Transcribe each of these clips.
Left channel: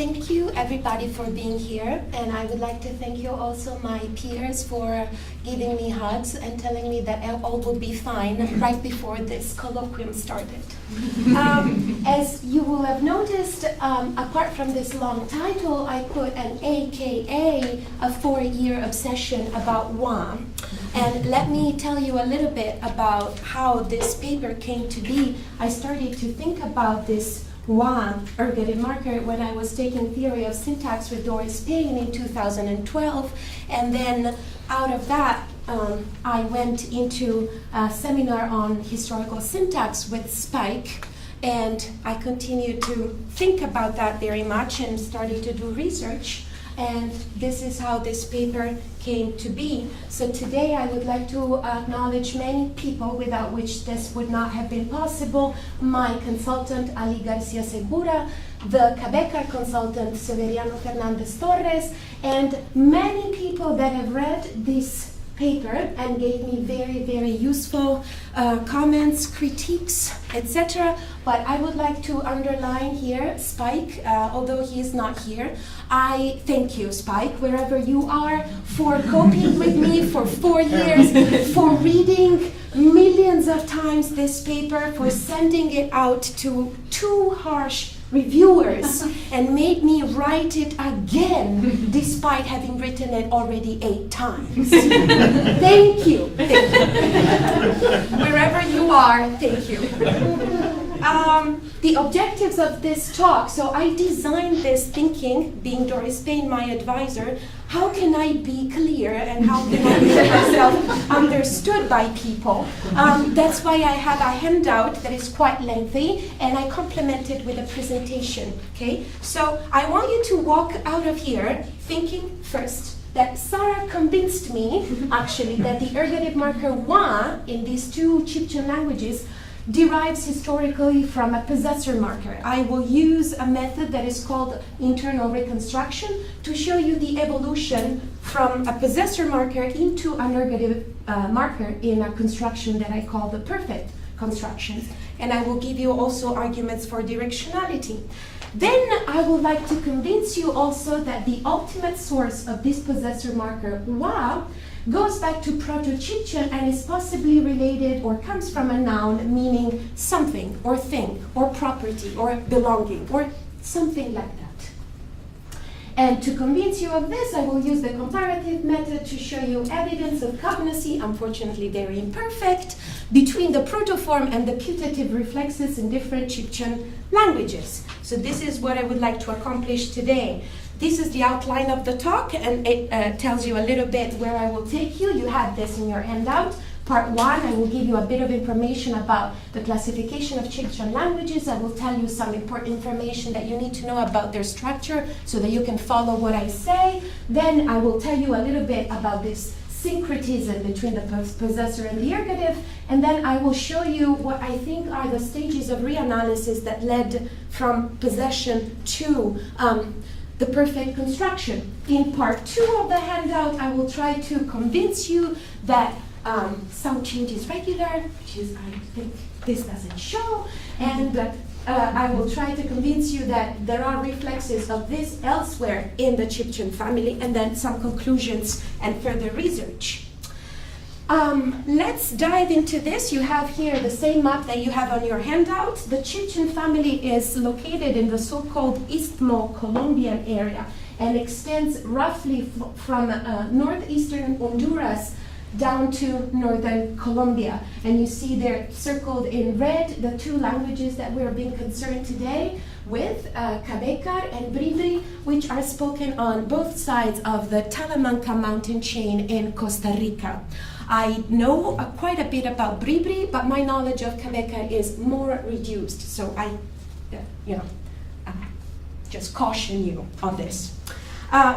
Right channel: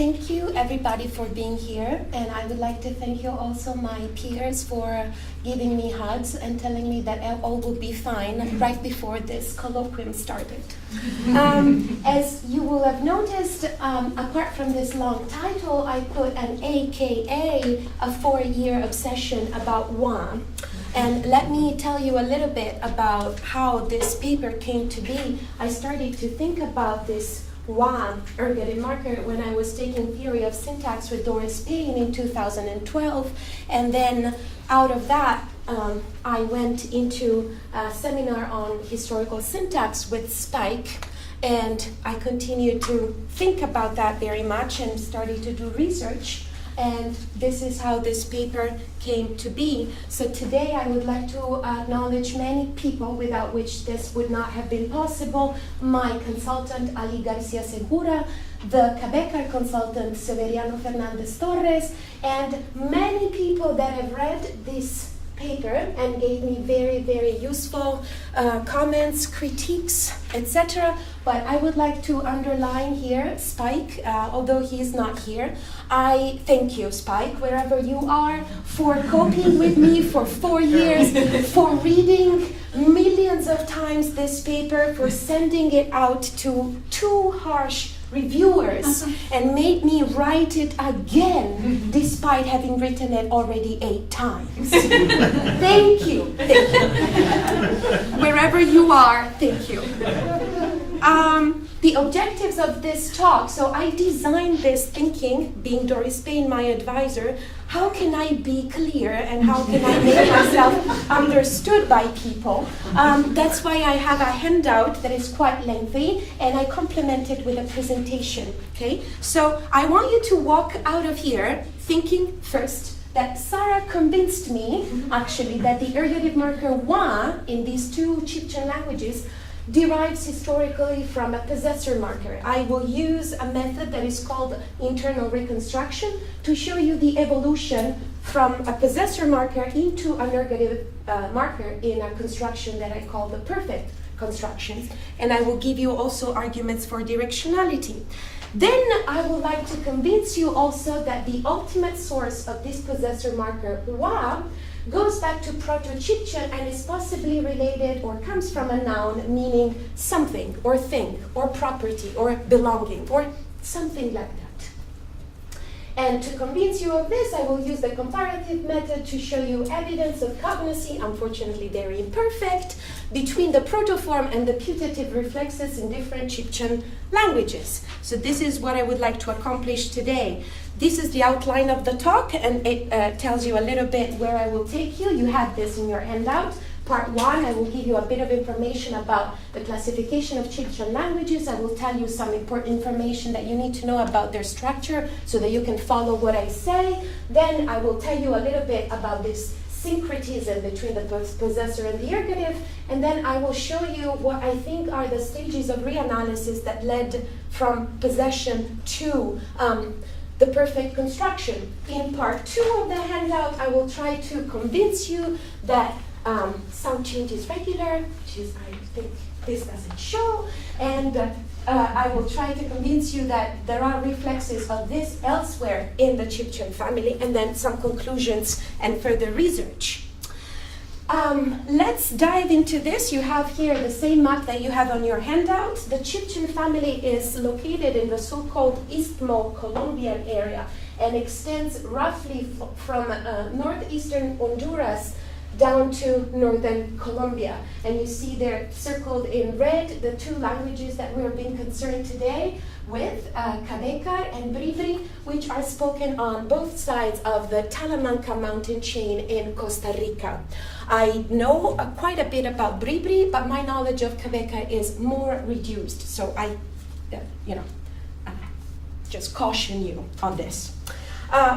Thank you everybody for being here, and I would like to thank you also my peers for giving me hugs and telling me that all will be fine right before this colloquium started. As you will have noticed, apart from this long title, I put an a.k.a. a 4-year obsession about moi. And let me tell you a little bit about how this paper came to be. I started to think about this moi ergative marker when I was taking theory of syntax with Doris Payne in 2012, and then out of that I went into a seminar on historical syntax with Spike, and I continued to think about that very much and started to do research. And this is how this paper came to be. So today I would like to acknowledge many people without which this would not have been possible. My consultant, Ali Garcia Segura, the Quebecer consultant, Severiano Fernandez Torres, and many people that have read this paper and gave me very, very useful comments, critiques, etc. But I would like to underline here, Spike, although he's not here, I thank you, Spike, wherever you are, for coping with me for 4 years, for reading millions of times this paper, for sending it out to 2 harsh reviewers and made me write it again despite having written it already 8 times. Thank you. Thank you. Wherever you are, thank you. The objectives of this talk, so I designed this thinking, being Doris Payne, my advisor, how can I be clear and how can I make myself understood by people? That's why I have a handout that is quite lengthy, and I complement it with a presentation, okay? So I want you to walk out of here thinking first that Sara convinced me, actually, that the ergative marker wa in these 2 Chibchan languages derives historically from a possessor marker. I will use a method that is called internal reconstruction to show you the evolution from a possessor marker into an ergative marker in a construction that I call the perfect constructions. And I will give you also arguments for directionality. Then I would like to convince you also that the ultimate source of this possessor marker wa goes back to Proto-Chibchan and is possibly related or comes from a noun meaning something or thing or property or belonging or something like that. And to convince you of this, I will use the comparative method to show you evidence of cognacy, unfortunately very imperfect, between the protoform and the putative reflexes in different Chibchan languages. So this is what I would like to accomplish today. This is the outline of the talk, and it tells you a little bit where I will take you. You have this in your handout. Part 1, I will give you a bit of information about the classification of Chibchan languages. I will tell you some important information that you need to know about their structure so that you can follow what I say. Then I will tell you a little bit about this syncretism between the possessor and the ergative, and then I will show you what I think are the stages of reanalysis that led from possession to the perfect construction. In part 2 of the handout, I will try to convince you that sound change is regular, which is, I think, this doesn't show, and I will try to convince you that there are reflexes of this elsewhere in the Chibchan family, and then some conclusions and further research. Let's dive into this. You have here the same map that you have on your handout. The Chibchan family is located in the so-called Istmo-Colombian area and extends roughly from northeastern Honduras down to northern Colombia. And you see they're circled in red the 2 languages that we're being concerned today with, Quebecer and Bribri, which are spoken on both sides of the Talamanca mountain chain in Costa Rica. I know quite a bit about Bribri, but my knowledge of Quebecer is more reduced, so I just caution you on this.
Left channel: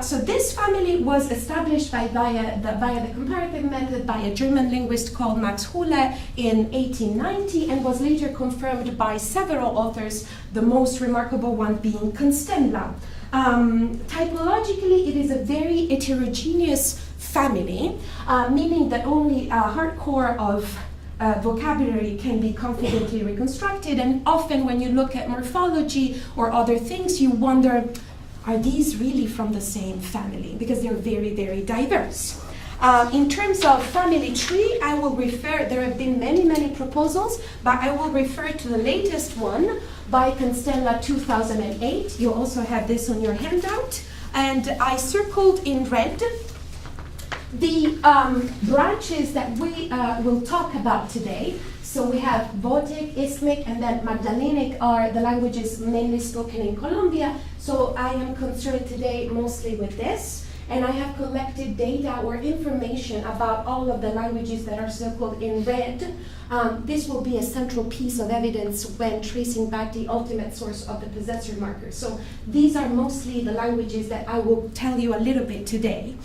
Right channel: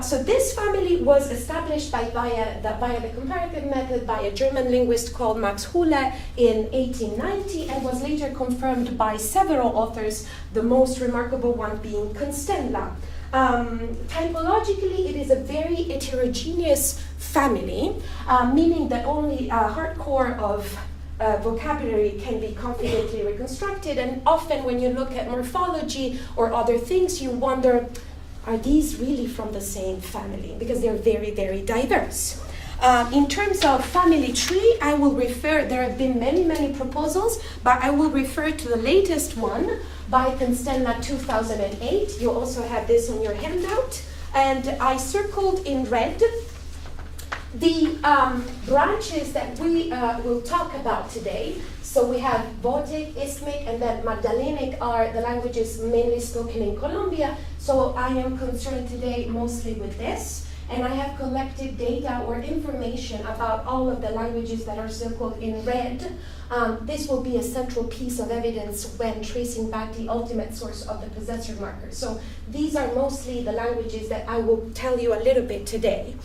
So this family was established via the comparative method by a German linguist called Max Hulle in 1890 and was later confirmed by several authors, the most remarkable one being Constendla. Typologically, it is a very heterogeneous family, meaning that only a hardcore of vocabulary can be confidently reconstructed, and often when you look at morphology or other things, you wonder, are these really from the same family? Because they're very, very diverse. In terms of family tree, I will refer, there have been many, many proposals, but I will refer to the latest one by Constella 2008. You also have this on your handout. And I circled in red the branches that we will talk about today. So we have Botic, Isthmic, and then Magdalenic are the languages mainly spoken in Colombia. So I am concerned today mostly with this. And I have collected data or information about all of the languages that are circled in red. This will be a central piece of evidence when tracing back the ultimate source of the possessor marker. So these are mostly the languages that I will tell you a little bit today.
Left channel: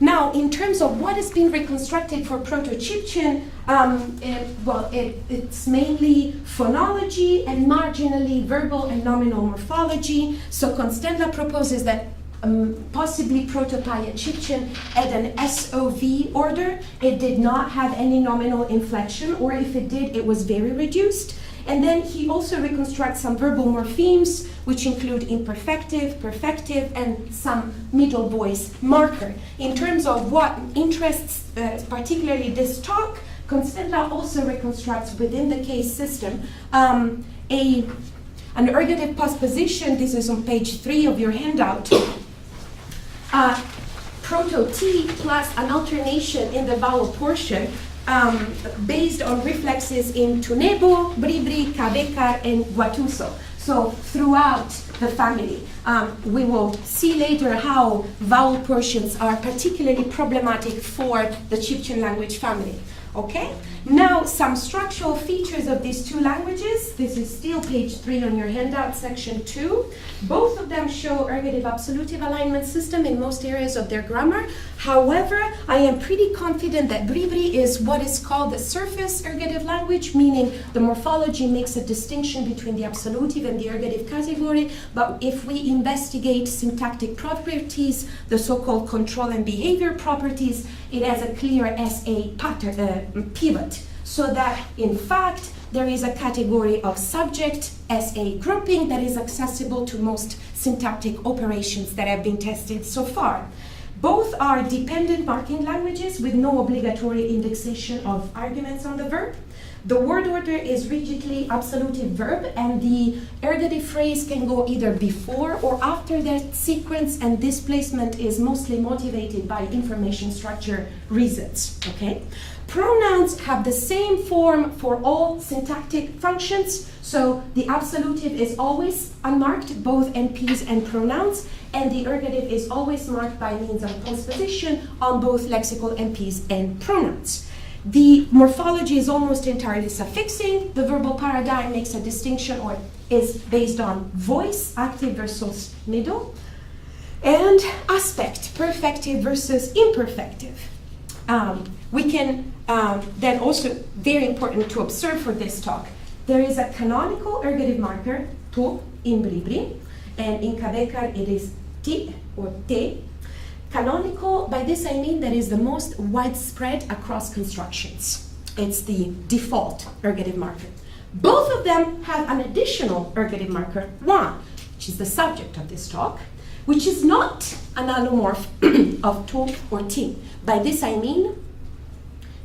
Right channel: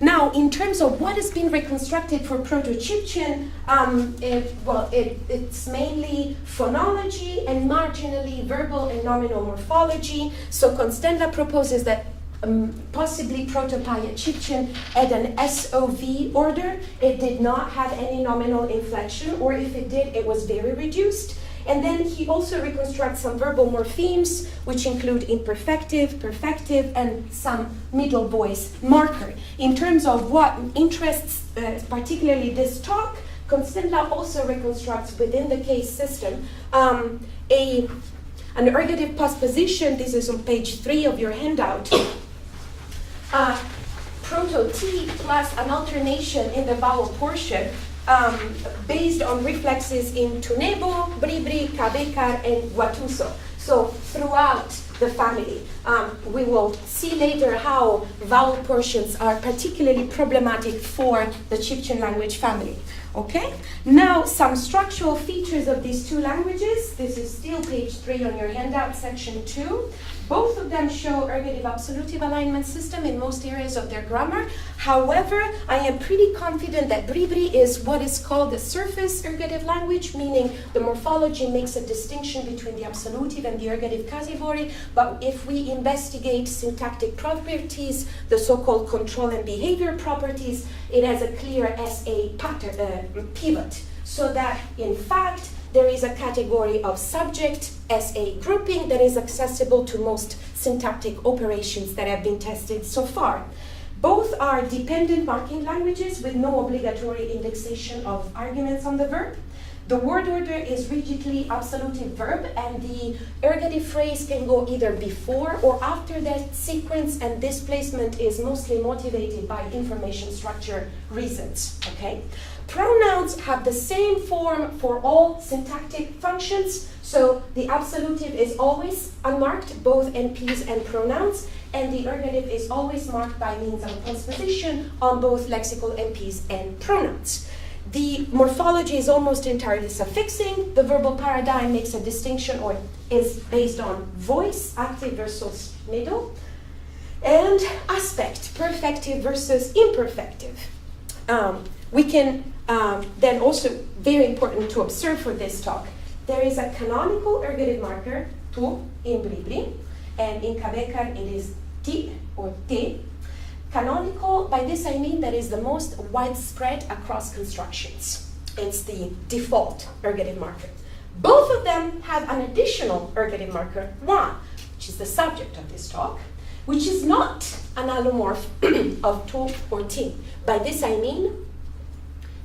Now, in terms of what is being reconstructed for Proto-Chibchan, it's mainly phonology and marginally verbal and nominal morphology. So Constella proposes that possibly Proto-Chibchan had an SOV order. It did not have any nominal inflection, or if it did, it was very reduced. And then he also reconstructs some verbal morphemes, which include imperfective, perfective, and some middle voice marker. In terms of what interests particularly this talk, Constella also reconstructs within the case system an ergative postposition. This is on page 3 of your handout. Proto-T plus an alternation in the vowel portion based on reflexes in Tunebo, Bribri, Cabécar, and Guatuso. So throughout the family, we will see later how vowel portions are particularly problematic for the Chibchan language family. Okay? Now, some structural features of these two languages. This is still page 3 on your handout, section 2. Both of them show ergative absolutive alignment system in most areas of their grammar. However, I am pretty confident that Bribri is what is called the surface ergative language, meaning the morphology makes a distinction between the absolutive and the ergative category. But if we investigate syntactic properties, the so-called control and behavior properties, it has a clear SA pattern, pivot, so that in fact there is a category of subject SA grouping that is accessible to most syntactic operations that have been tested so far. Both are dependent marking languages with no obligatory indexation of arguments on the verb. The word order is rigidly absolutive verb, and the ergative phrase can go either before or after that sequence, and this placement is mostly motivated by information structure reasons. Okay? Pronouns have the same form for all syntactic functions, so the absolutive is always unmarked, both NPs and pronouns, and the ergative is always marked by means of postposition on both lexical NPs and pronouns. The morphology is almost entirely suffixing. The verbal paradigm makes a distinction, or is based on voice, active versus middle, and aspect, perfective versus imperfective. We can then also, very important to observe for this talk, there is a canonical ergative marker, tu, in Bribri, and in Cabécar it is ti or te. Canonical, by this I mean that is the most widespread across constructions. It's the default ergative marker. Both of them have an additional ergative marker, wa, which is the subject of this talk, which is not an allomorph of tu or ti. By this I mean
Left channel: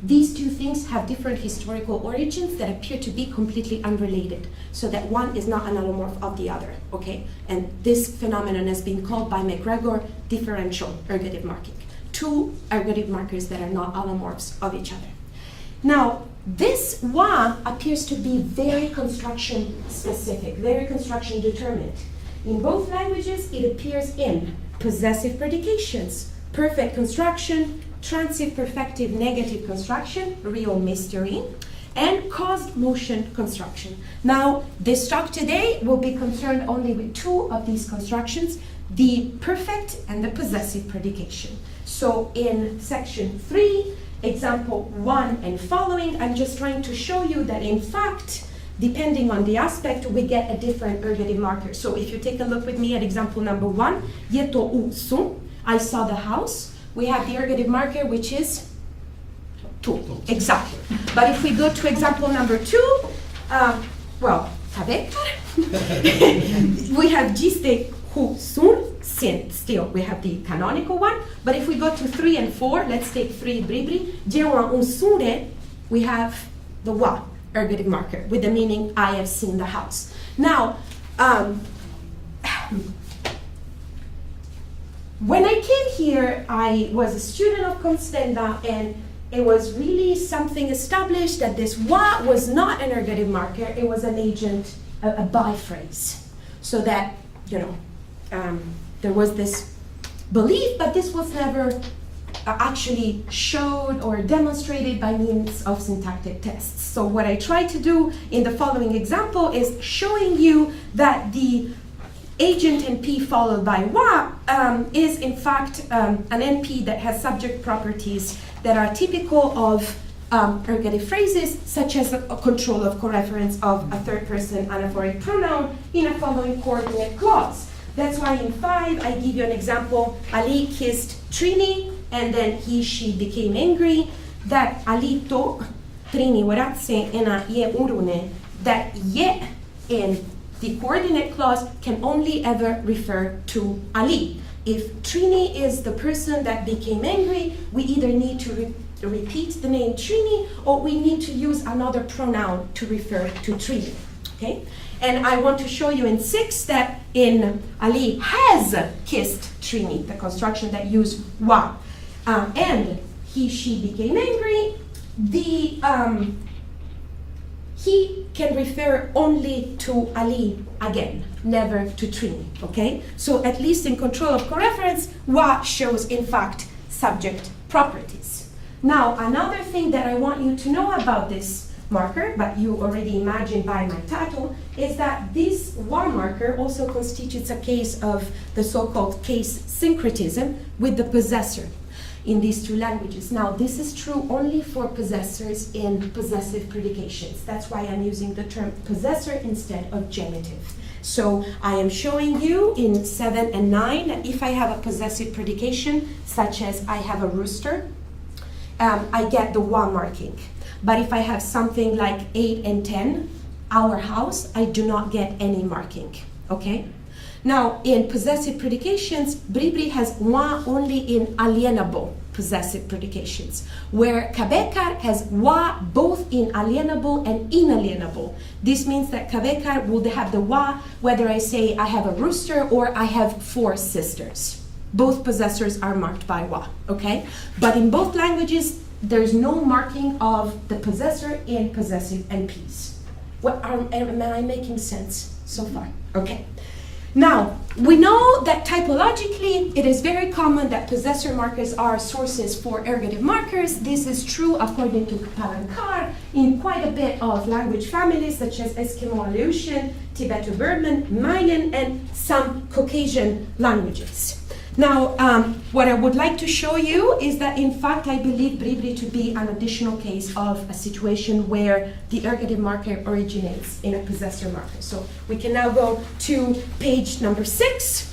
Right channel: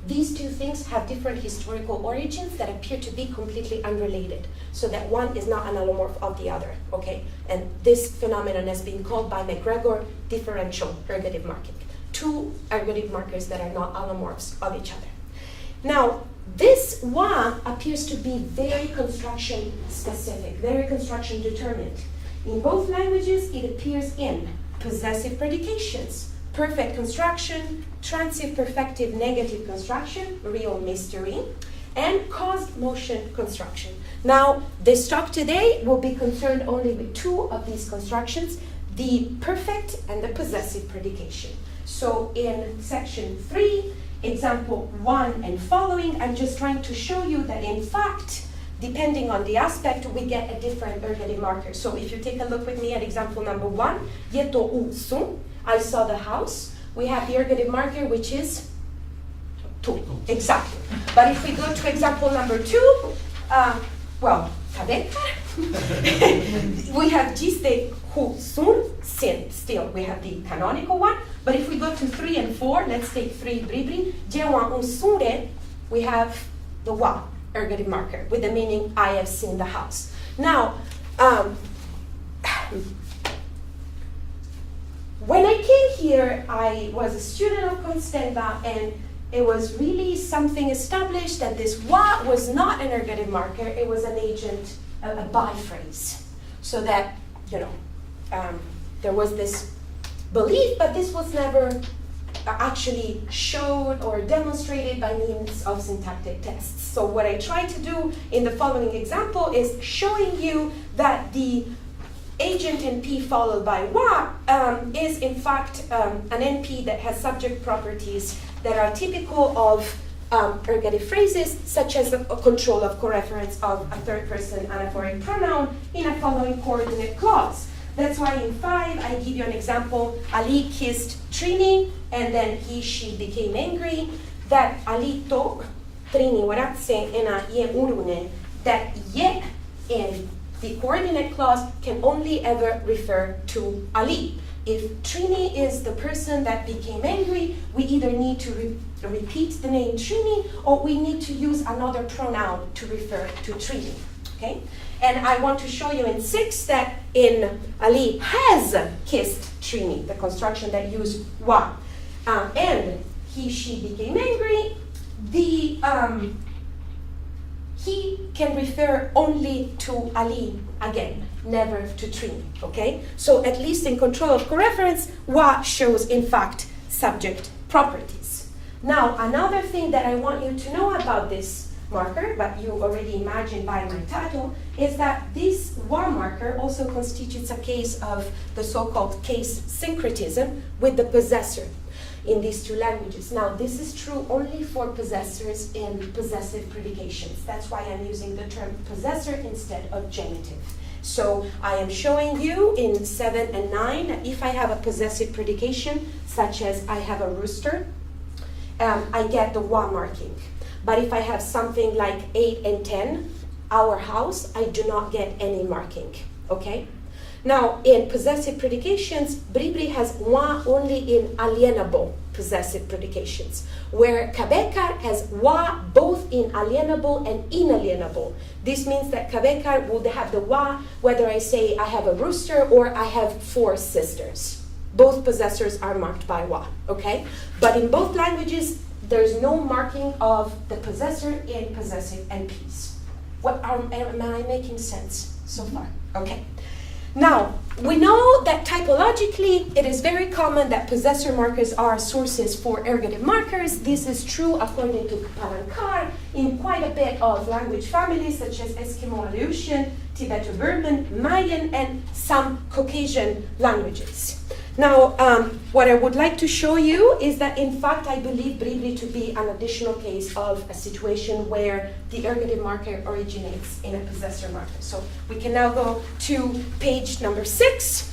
these two things have different historical origins that appear to be completely unrelated, so that one is not an allomorph of the other, okay? And this phenomenon has been called by McGregor differential ergative marking. Two ergative markers that are not allomorphs of each other. Now, this wa appears to be very construction specific, very construction determined. In both languages, it appears in possessive predications, perfect construction, transitive perfective negative construction, real mystery, and caused motion construction. Now, this talk today will be concerned only with two of these constructions, the perfect and the possessive predication. So in section 3, example 1 and following, I'm just trying to show you that in fact, depending on the aspect, we get a different ergative marker. So if you take a look with me at example number 1, yeto u su, I saw the house. We have the ergative marker, which is tu, exactly. But if we go to example number 2, Cabécar, we have giste hu sur, still, we have the canonical one, but if we go to 3 and 4, let's take 3 bribri, we have the wa, ergative marker, with the meaning I have seen the house. Now, when I came here, I was a student of Constenda, and it was really something established that this wa was not an ergative marker, it was an agent, a byphrase. So that, there was this belief, but this was never actually showed or demonstrated by means of syntactic tests. So what I try to do in the following example is showing you that the agent NP followed by wa is in fact an NP that has subject properties that are typical of ergative phrases, such as a control of coreference of a third person anaphoric pronoun in a following coordinate clause. That's why in 5, I give you an example. Ali kissed Trini, and then he, she became angry. That Ali to Trini waratse ena ye urune. That ye in the coordinate clause can only ever refer to Ali. If Trini is the person that became angry, we either need to repeat the name Trini, or we need to use another pronoun to refer to Trini. Okay? And I want to show you in 6 that in Ali has kissed Trini, the construction that used wa, and he, she became angry, he can refer only to Ali again, never to Trini, okay? So at least in control of coreference, wa shows, in fact, subject properties. Now, another thing that I want you to know about this marker, but you already imagine by my title, is that this wa marker also constitutes a case of the so-called case syncretism with the possessor in these 2 languages. Now, this is true only for possessors in possessive predications. That's why I'm using the term possessor instead of genitive. So I am showing you in 7 and 9 that if I have a possessive predication, such as I have a rooster, I get the wa marking. But if I have something like 8 and 10, our house, I do not get any marking, okay? Now, in possessive predications, bribri has wa only in alienable possessive predications, where Cabekar has wa both in alienable and inalienable. This means that Cabekar would have the wa whether I say I have a rooster or I have 4 sisters. Both possessors are marked by wa, okay? But in both languages, there's no marking of the possessor in possessive NPs. Am I making sense so far? Okay. Now, we know that typologically, it is very common that possessor markers are sources for ergative markers. This is true according to Palankar in quite a bit of language families such as Eskimo-Aleutian, Tibeto-Burman, Mayan, and some Caucasian languages. Now, what I would like to show you is that, in fact, I believe bribri to be an additional case of a situation where the ergative marker originates in a possessor marker. So we can now go to page number 6,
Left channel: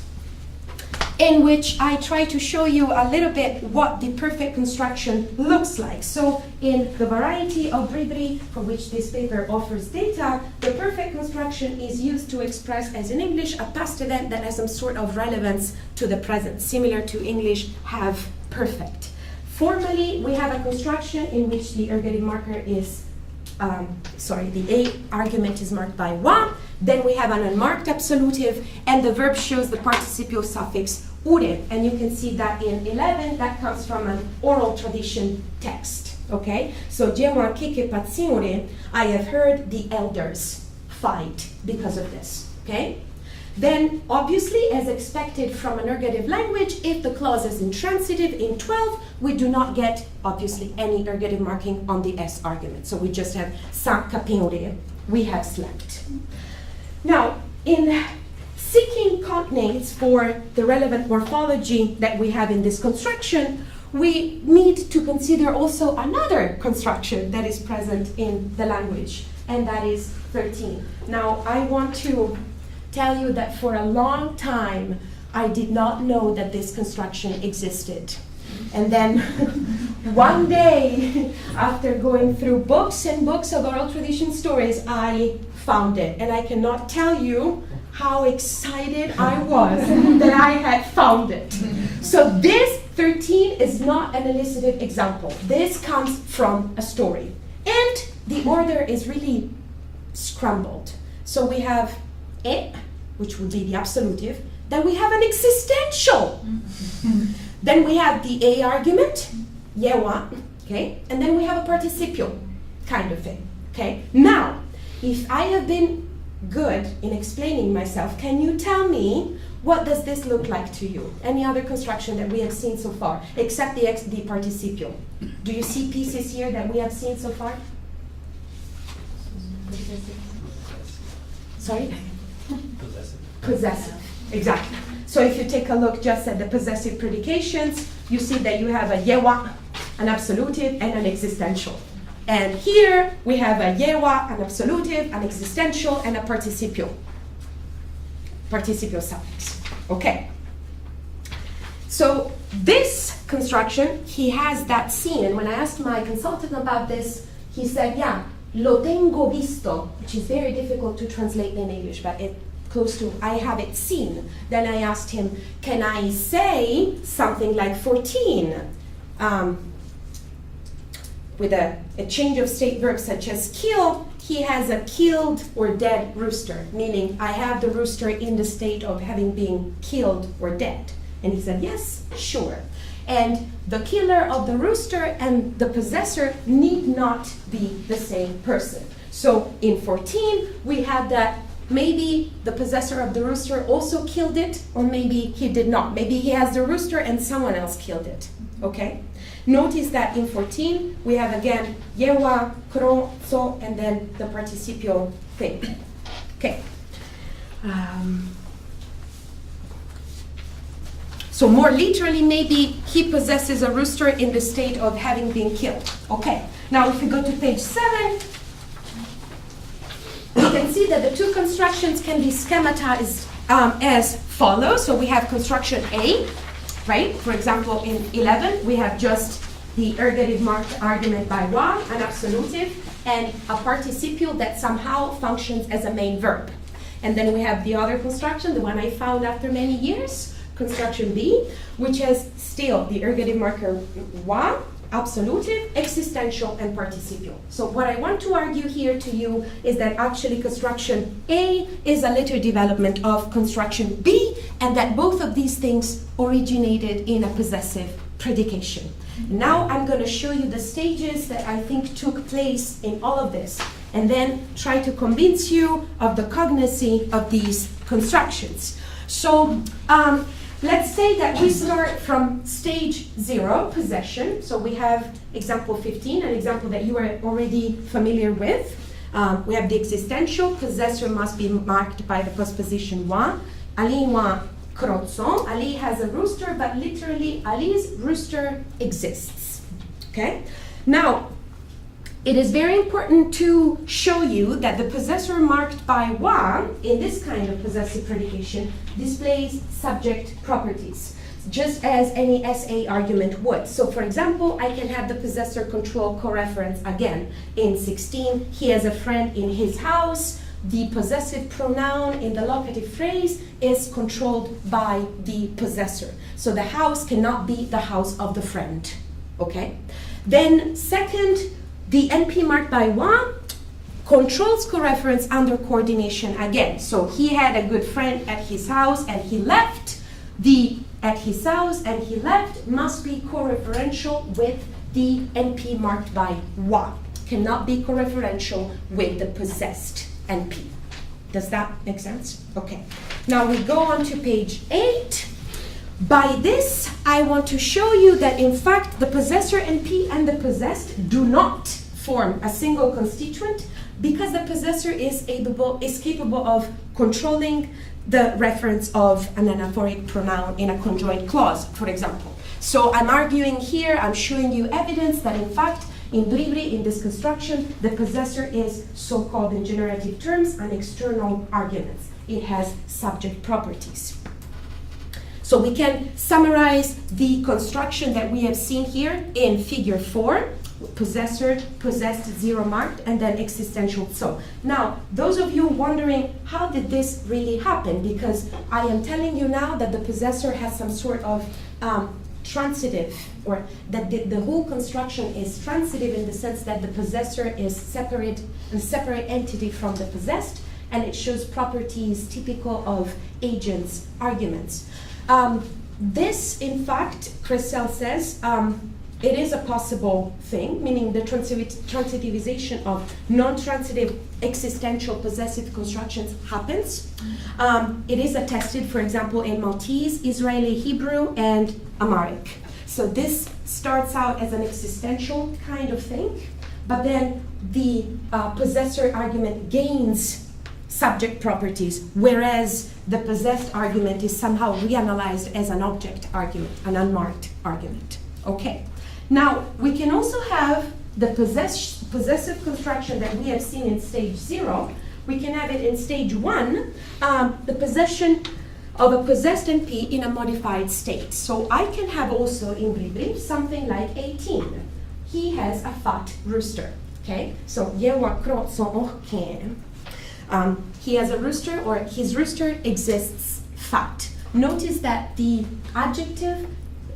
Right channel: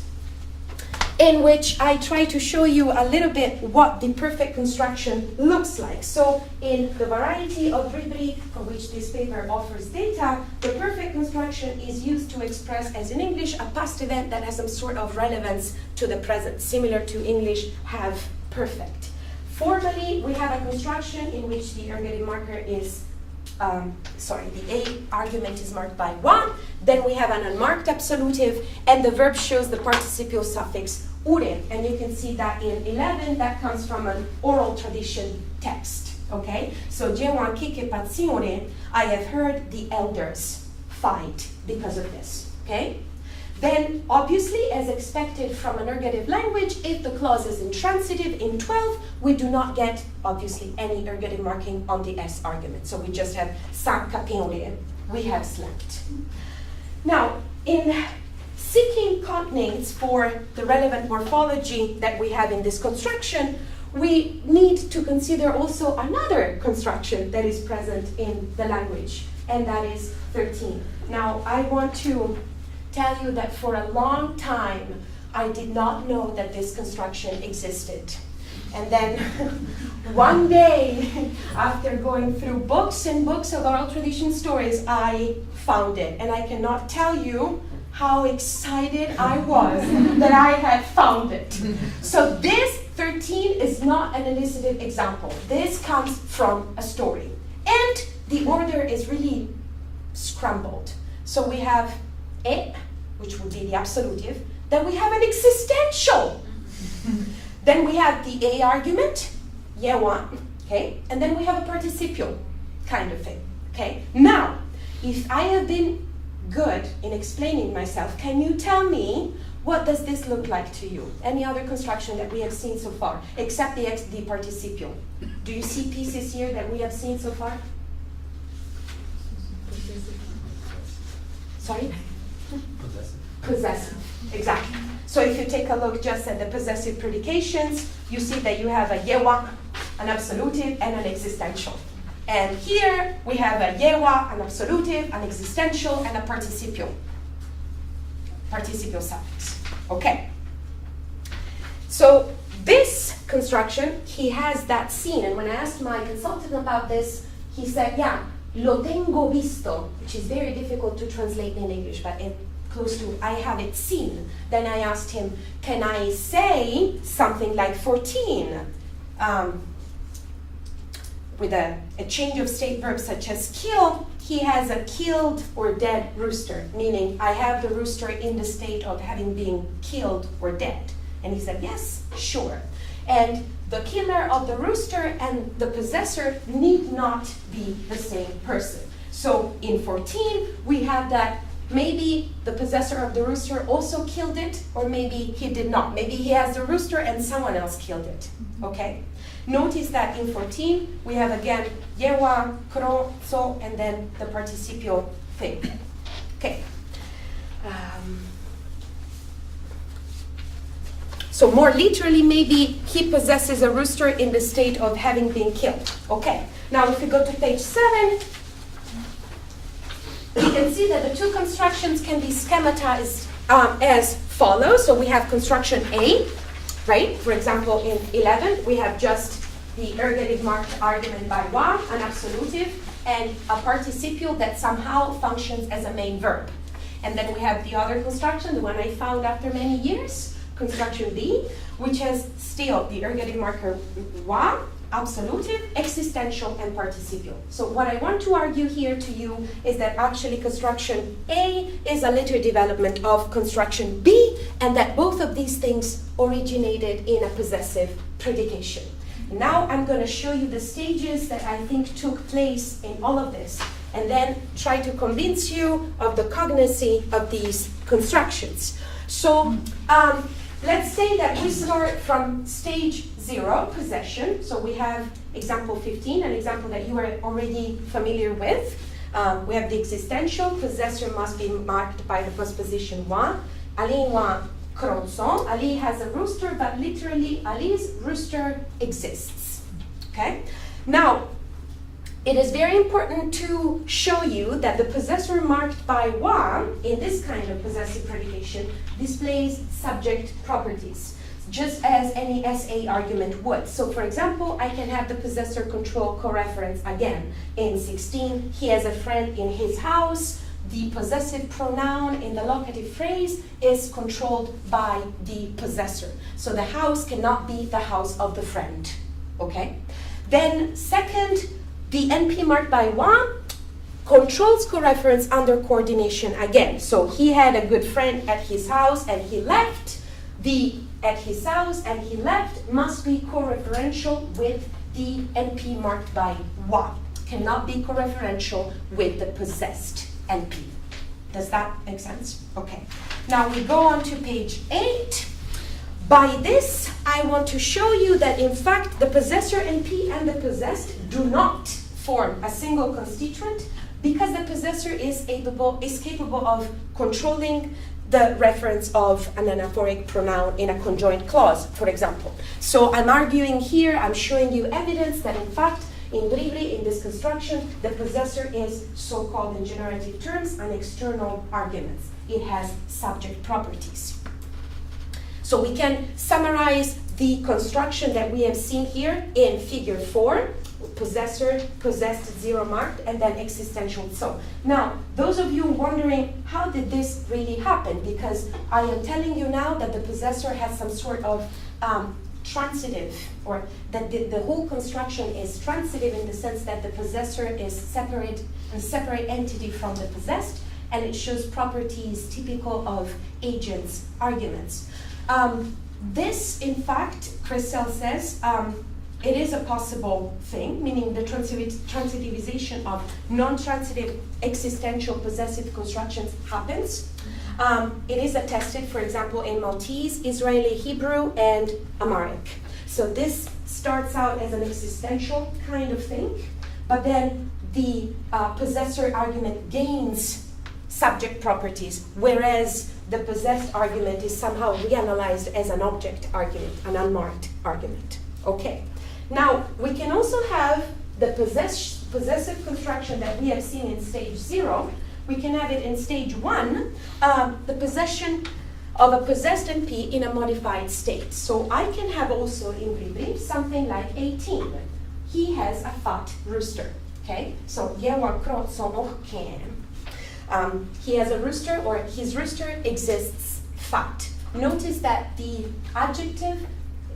in which I try to show you a little bit what the perfect construction looks like. So in the variety of bribri for which this paper offers data, the perfect construction is used to express, as in English, a past event that has some sort of relevance to the present, similar to English have perfect. Formally, we have a construction in which the ergative marker is the A argument is marked by wa, then we have an unmarked absolutive, and the verb shows the participial suffix ure, and you can see that in 11, that comes from an oral tradition text, okay? So, I have heard the elders fight because of this, okay? Then, obviously, as expected from an ergative language, if the clause is intransitive in 12, we do not get, obviously, any ergative marking on the S argument. So we just have sa capiore, we have slept. Now, in seeking cognates for the relevant morphology that we have in this construction, we need to consider also another construction that is present in the language, and that is 13. Now, I want to tell you that for a long time, I did not know that this construction existed. And then one day, after going through books and books of oral tradition stories, I found it. And I cannot tell you how excited I was that I had found it. So this 13 is not an elicited example. This comes from a story. And the order is really scrambled. So we have e, which would be the absolutive. Then we have an existential. Then we have the a argument, yewa, okay? And then we have a participial kind of thing, okay? Now, if I have been good in explaining myself, can you tell me what does this look like to you? Any other construction that we have seen so far, except the participial? Do you see pieces here that we have seen so far? Sorry? Possessive. Possessive, exactly. So if you take a look just at the possessive predications, you see that you have a yewa, an absolutive, and an existential. And here we have a yewa, an absolutive, an existential, and a participial suffix. Okay. So this construction, he has that scene. When I asked my consultant about this, he said, yeah, lo tengo visto, which is very difficult to translate in English, but it's close to I have it seen. Then I asked him, can I say something like 14? With a change of state verb such as killed, he has a killed or dead rooster, meaning I have the rooster in the state of having been killed or dead. And he said, yes, sure. And the killer of the rooster and the possessor need not be the same person. So in 14, we have that maybe the possessor of the rooster also killed it, or maybe he did not. Maybe he has the rooster and someone else killed it, okay? Notice that in 14, we have again yewa, kro, so, and then the participial thing. Okay. So more literally, maybe he possesses a rooster in the state of having been killed. Okay. Now if we go to page 7, we can see that the two constructions can be schematized as follows. So we have construction A, right? For example, in 11, we have just the ergative marked argument by wa, an absolutive, and a participial that somehow functions as a main verb. And then we have the other construction, the one I found after many years, construction B, which is still the ergative marker wa, absolutive, existential, and participial. So what I want to argue here to you is that actually construction A is a later development of construction B, and that both of these things originated in a possessive predication. Now I'm going to show you the stages that I think took place in all of this, and then try to convince you of the cognacy of these constructions. So let's say that we start from stage 0, possession. So we have example 15, an example that you are already familiar with. We have the existential, possessor must be marked by the postposition wa. Ali wa krotso. Ali has a rooster, but literally Ali's rooster exists. Okay? Now, it is very important to show you that the possessor marked by wa in this kind of possessive predication displays subject properties, just as any SA argument would. So for example, I can have the possessor control coreference again. In 16, he has a friend in his house. The possessive pronoun in the locative phrase is controlled by the possessor. So the house cannot be the house of the friend. Okay? Then second, the NP marked by wa controls coreference under coordination again. So he had a good friend at his house and he left. The at his house and he left must be coreferential with the NP marked by wa. Cannot be coreferential with the possessed NP. Does that make sense? Okay. Now we go on to page 8. By this, I want to show you that in fact the possessor NP and the possessed do not form a single constituent, because the possessor is capable of controlling the reference of an anaphoric pronoun in a conjoined clause, for example. So I'm arguing here, I'm showing you evidence that in fact in Bribri, in this construction, the possessor is so-called in generative terms an external argument. It has subject properties. So we can summarize the construction that we have seen here in figure 4. possessor, possessed, zero marked, and then existential so. Now, those of you wondering, how did this really happen? Because I am telling you now that the possessor has some sort of transitive, or that the whole construction is transitive in the sense that the possessor is a separate entity from the possessed, and it shows properties typical of agents' arguments. This, in fact, Cressel says, it is a possible thing, meaning the transitivization of non-transitive existential possessive constructions happens. It is attested, for example, in Maltese, Israeli Hebrew, and Amharic. So this starts out as an existential kind of thing, but then the possessor argument gains subject properties, whereas the possessed argument is somehow reanalyzed as an object argument, an unmarked argument. Okay. Now, we can also have the possessive construction that we have seen in stage 0. We can have it in stage 1, the possession of a possessed NP in a modified state. So I can have also in Bribri something like 18. He has a fat rooster. Okay? So, he has a rooster, or his rooster exists fat. Notice that the adjective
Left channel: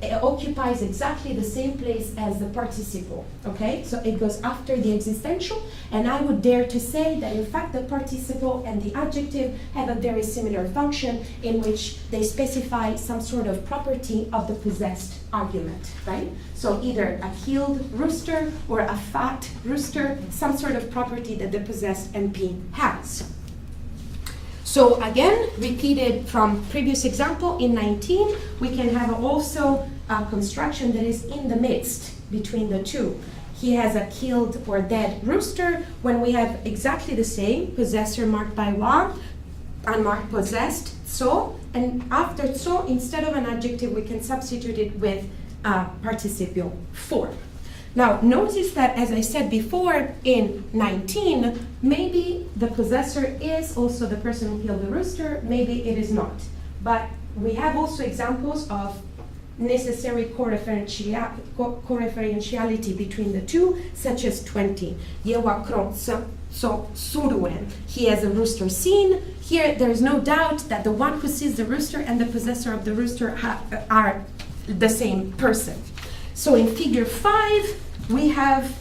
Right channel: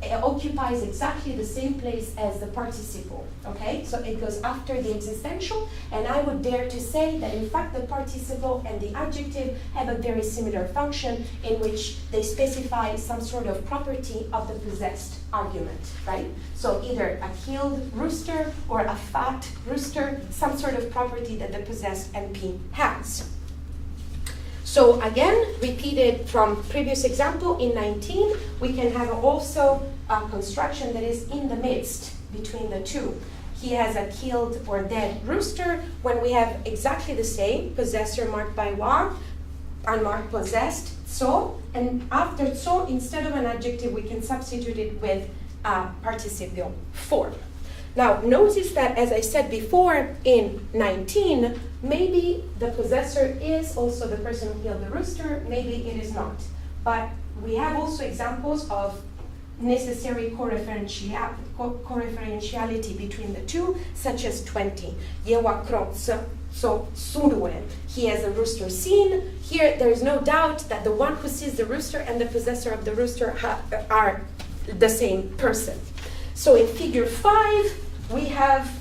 occupies exactly the same place as the participle, okay? So it goes after the existential, and I would dare to say that in fact the participle and the adjective have a very similar function in which they specify some sort of property of the possessed argument, right? So either a healed rooster or a fat rooster, some sort of property that the possessed NP has. So again, repeated from previous example, in 19, we can have also a construction that is in the midst between the two. He has a killed or dead rooster when we have exactly the same, possessor marked by wa, unmarked possessed, so, and after so, instead of an adjective, we can substitute it with a participial form. Now, notice that, as I said before, in 19, maybe the possessor is also the person who killed the rooster, maybe it is not. But we have also examples of necessary co-referentiality between the two, such as 20. So, suruen, he has a rooster seen. Here, there is no doubt that the one who sees the rooster and the possessor of the rooster are the same person. So in figure 5, we have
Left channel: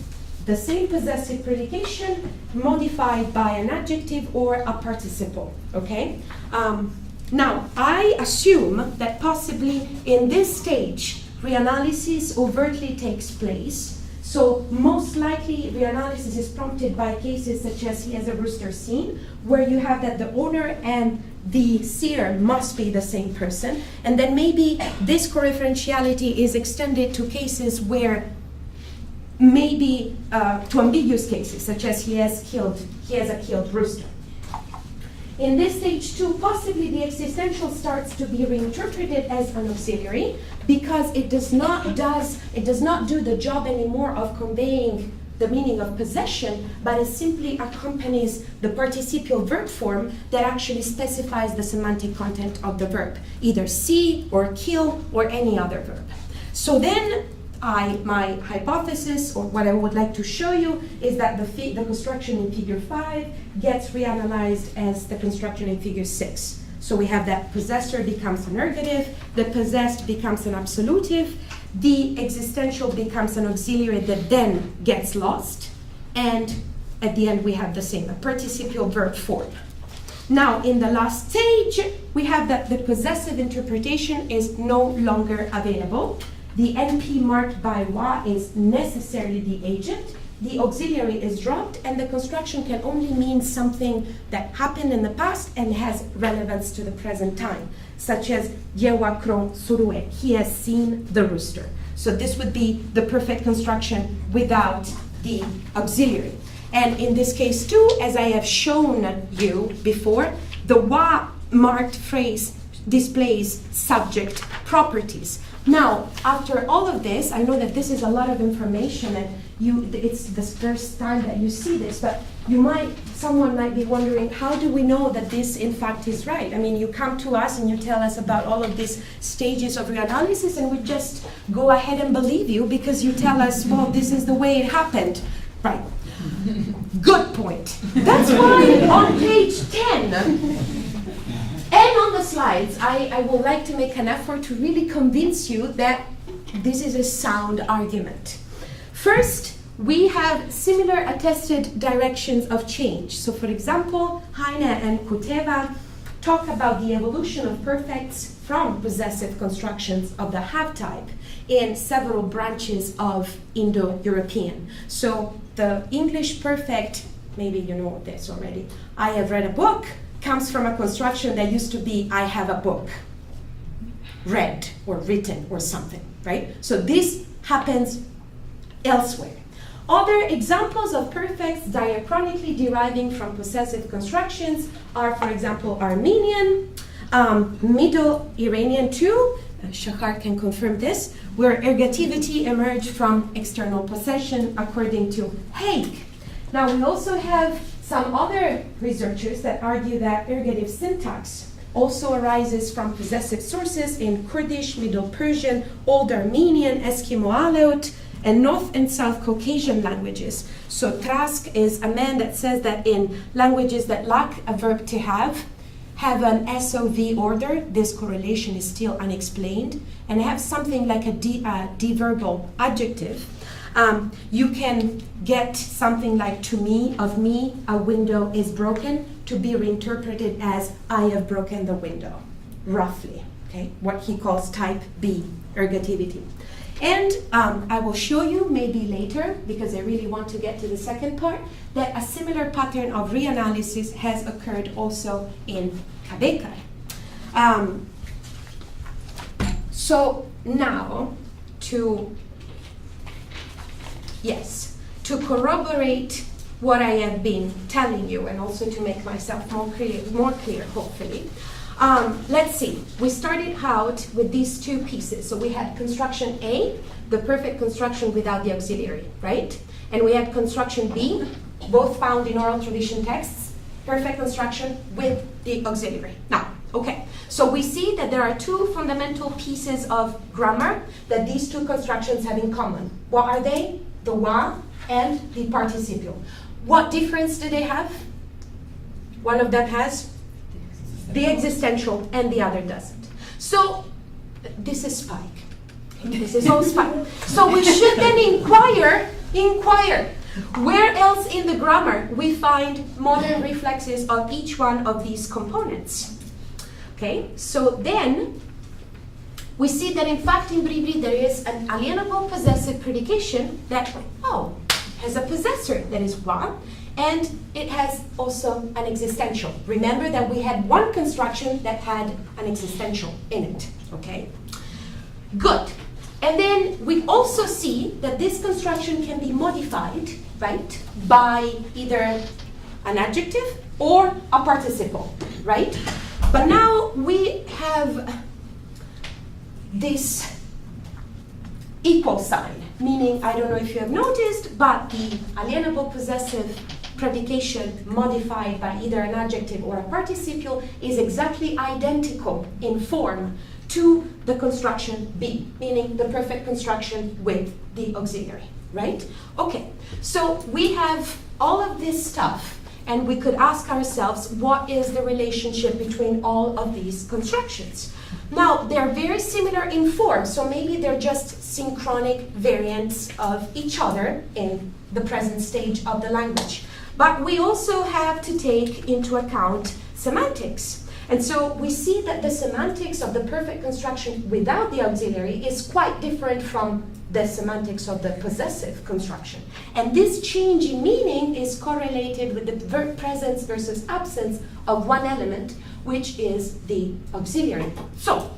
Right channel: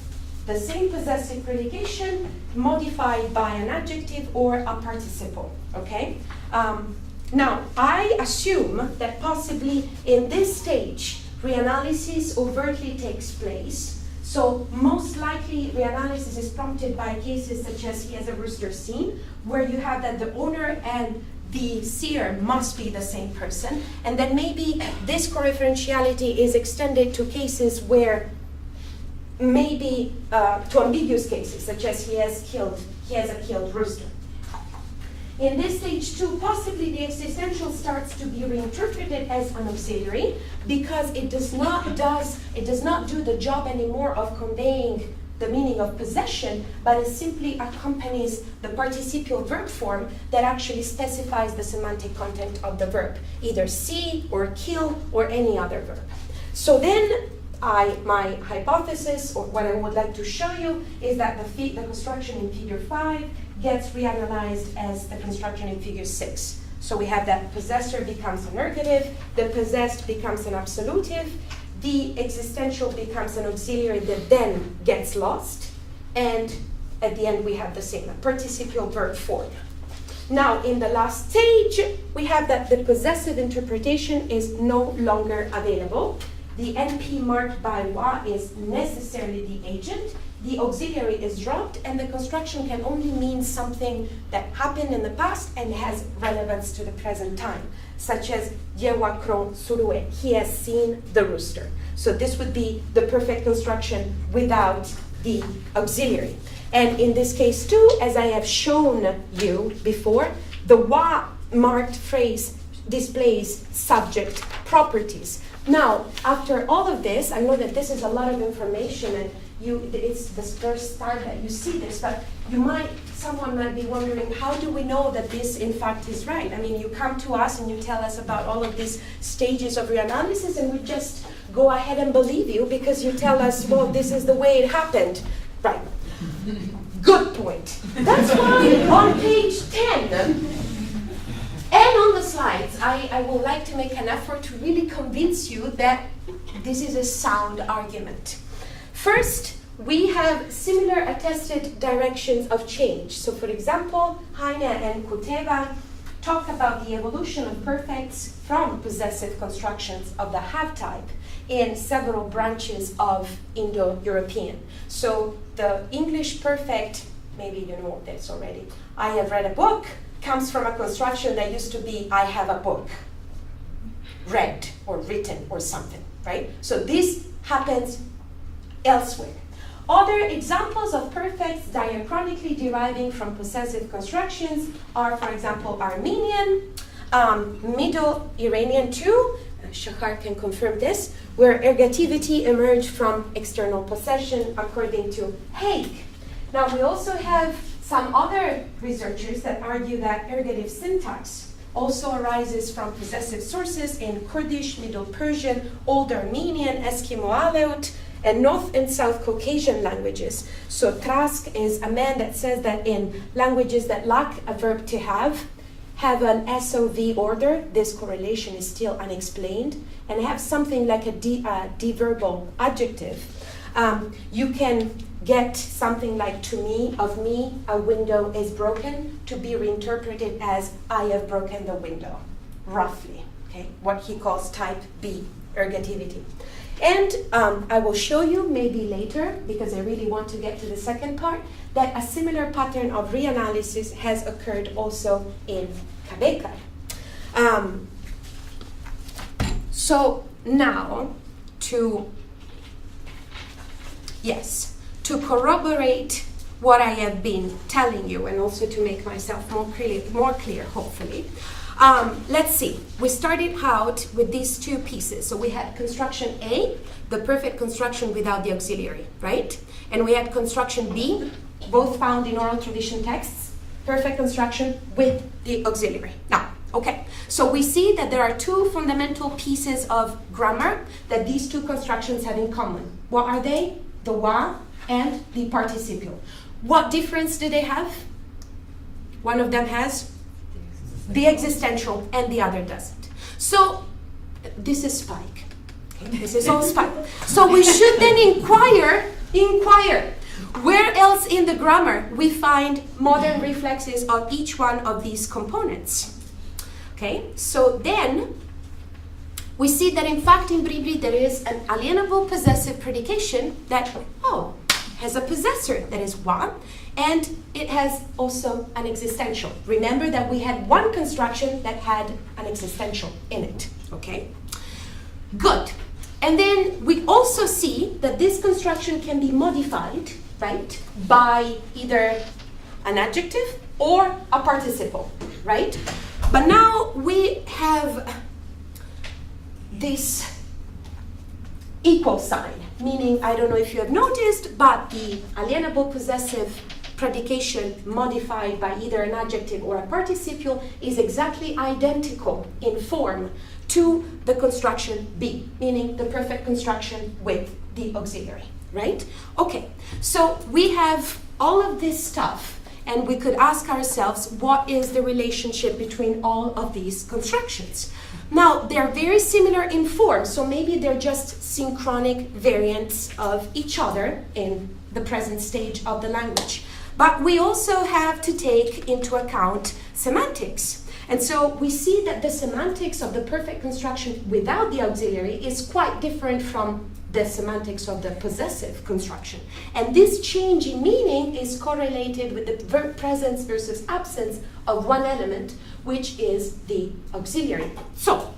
the same possessive predication modified by an adjective or a participle, okay? Now, I assume that possibly in this stage, reanalysis overtly takes place. So most likely, reanalysis is prompted by cases such as he has a rooster seen, where you have that the owner and the seer must be the same person, and then maybe this co-referentiality is extended to cases where maybe to ambiguous cases, such as he has a killed rooster. In this stage 2, possibly the existential starts to be reinterpreted as an auxiliary because it does not do the job anymore of conveying the meaning of possession, but it simply accompanies the participial verb form that actually specifies the semantic content of the verb, either see or kill or any other verb. So then my hypothesis, or what I would like to show you, is that the construction in figure 5 gets reanalyzed as the construction in figure 6. So we have that possessor becomes an ergative, the possessed becomes an absolutive, the existential becomes an auxiliary that then gets lost, and at the end we have the same, a participial verb form. Now, in the last stage, we have that the possessive interpretation is no longer available. The NP marked by wa is necessarily the agent, the auxiliary is dropped, and the construction can only mean something that happened in the past and has relevance to the present time, such as yewa kron surue, he has seen the rooster. So this would be the perfect construction without the auxiliary. And in this case too, as I have shown you before, the wa marked phrase displays subject properties. Now, after all of this, I know that this is a lot of information, and it's the first time that you see this, but someone might be wondering, how do we know that this in fact is right? I mean, you come to us and you tell us about all of these stages of reanalysis, and we just go ahead and believe you because you tell us, well, this is the way it happened. Right. Good point. That's why on page 10 and on the slides, I would like to make an effort to really convince you that this is a sound argument. First, we have similar attested directions of change. So for example, Heine and Kuteva talk about the evolution of perfects from possessive constructions of the have type in several branches of Indo-European. So the English perfect, maybe you know this already, I have read a book, comes from a construction that used to be I have a book, read or written or something, right? So this happens elsewhere. Other examples of perfects diachronically deriving from possessive constructions are, for example, Armenian, Middle Iranian too, Shahar can confirm this, where ergativity emerged from external possession according to Haig. Now we also have some other researchers that argue that ergative syntax also arises from possessive sources in Kurdish, Middle Persian, Old Armenian, Eskimo Aleut, and North and South Caucasian languages. So Trask is a man that says that in languages that lack a verb to have an SOV order, this correlation is still unexplained, and have something like a deverbal adjective. You can get something like to me, of me, a window is broken, to be reinterpreted as I have broken the window, roughly, okay? What he calls type B ergativity. And I will show you maybe later, because I really want to get to the second part, that a similar pattern of reanalysis has occurred also in Quebecer. So now, to corroborate what I have been telling you, and also to make myself more clear, hopefully. Let's see. We started out with these two pieces. So we had construction A, the perfect construction without the auxiliary, right? And we had construction B, both found in oral tradition texts, perfect construction with the auxiliary. Now, okay. So we see that there are two fundamental pieces of grammar that these two constructions have in common. What are they? The wa and the participial. What difference do they have? One of them has the existential and the other doesn't. So this is Spike. This is all Spike. So we should then inquire, where else in the grammar we find modern reflexes of each one of these components. Okay, so then we see that in fact in Bribri there is an alienable possessive predication that, has a possessor that is wa, and it has also an existential. Remember that we had one construction that had an existential in it, okay? Good. And then we also see that this construction can be modified, right, by either an adjective or a participle, right? But now we have this equal sign, meaning, I don't know if you have noticed, but the alienable possessive predication modified by either an adjective or a participial is exactly identical in form to the construction B, meaning the perfect construction with the auxiliary, right? Okay, so we have all of this stuff, and we could ask ourselves, what is the relationship between all of these constructions? Now, they're very similar in form, so maybe they're just synchronic variants of each other in the present stage of the language. But we also have to take into account semantics. And so we see that the semantics of the perfect construction without the auxiliary is quite different from the semantics of the possessive construction. And this change in meaning is correlated with the verb presence versus absence of one element, which is the auxiliary. So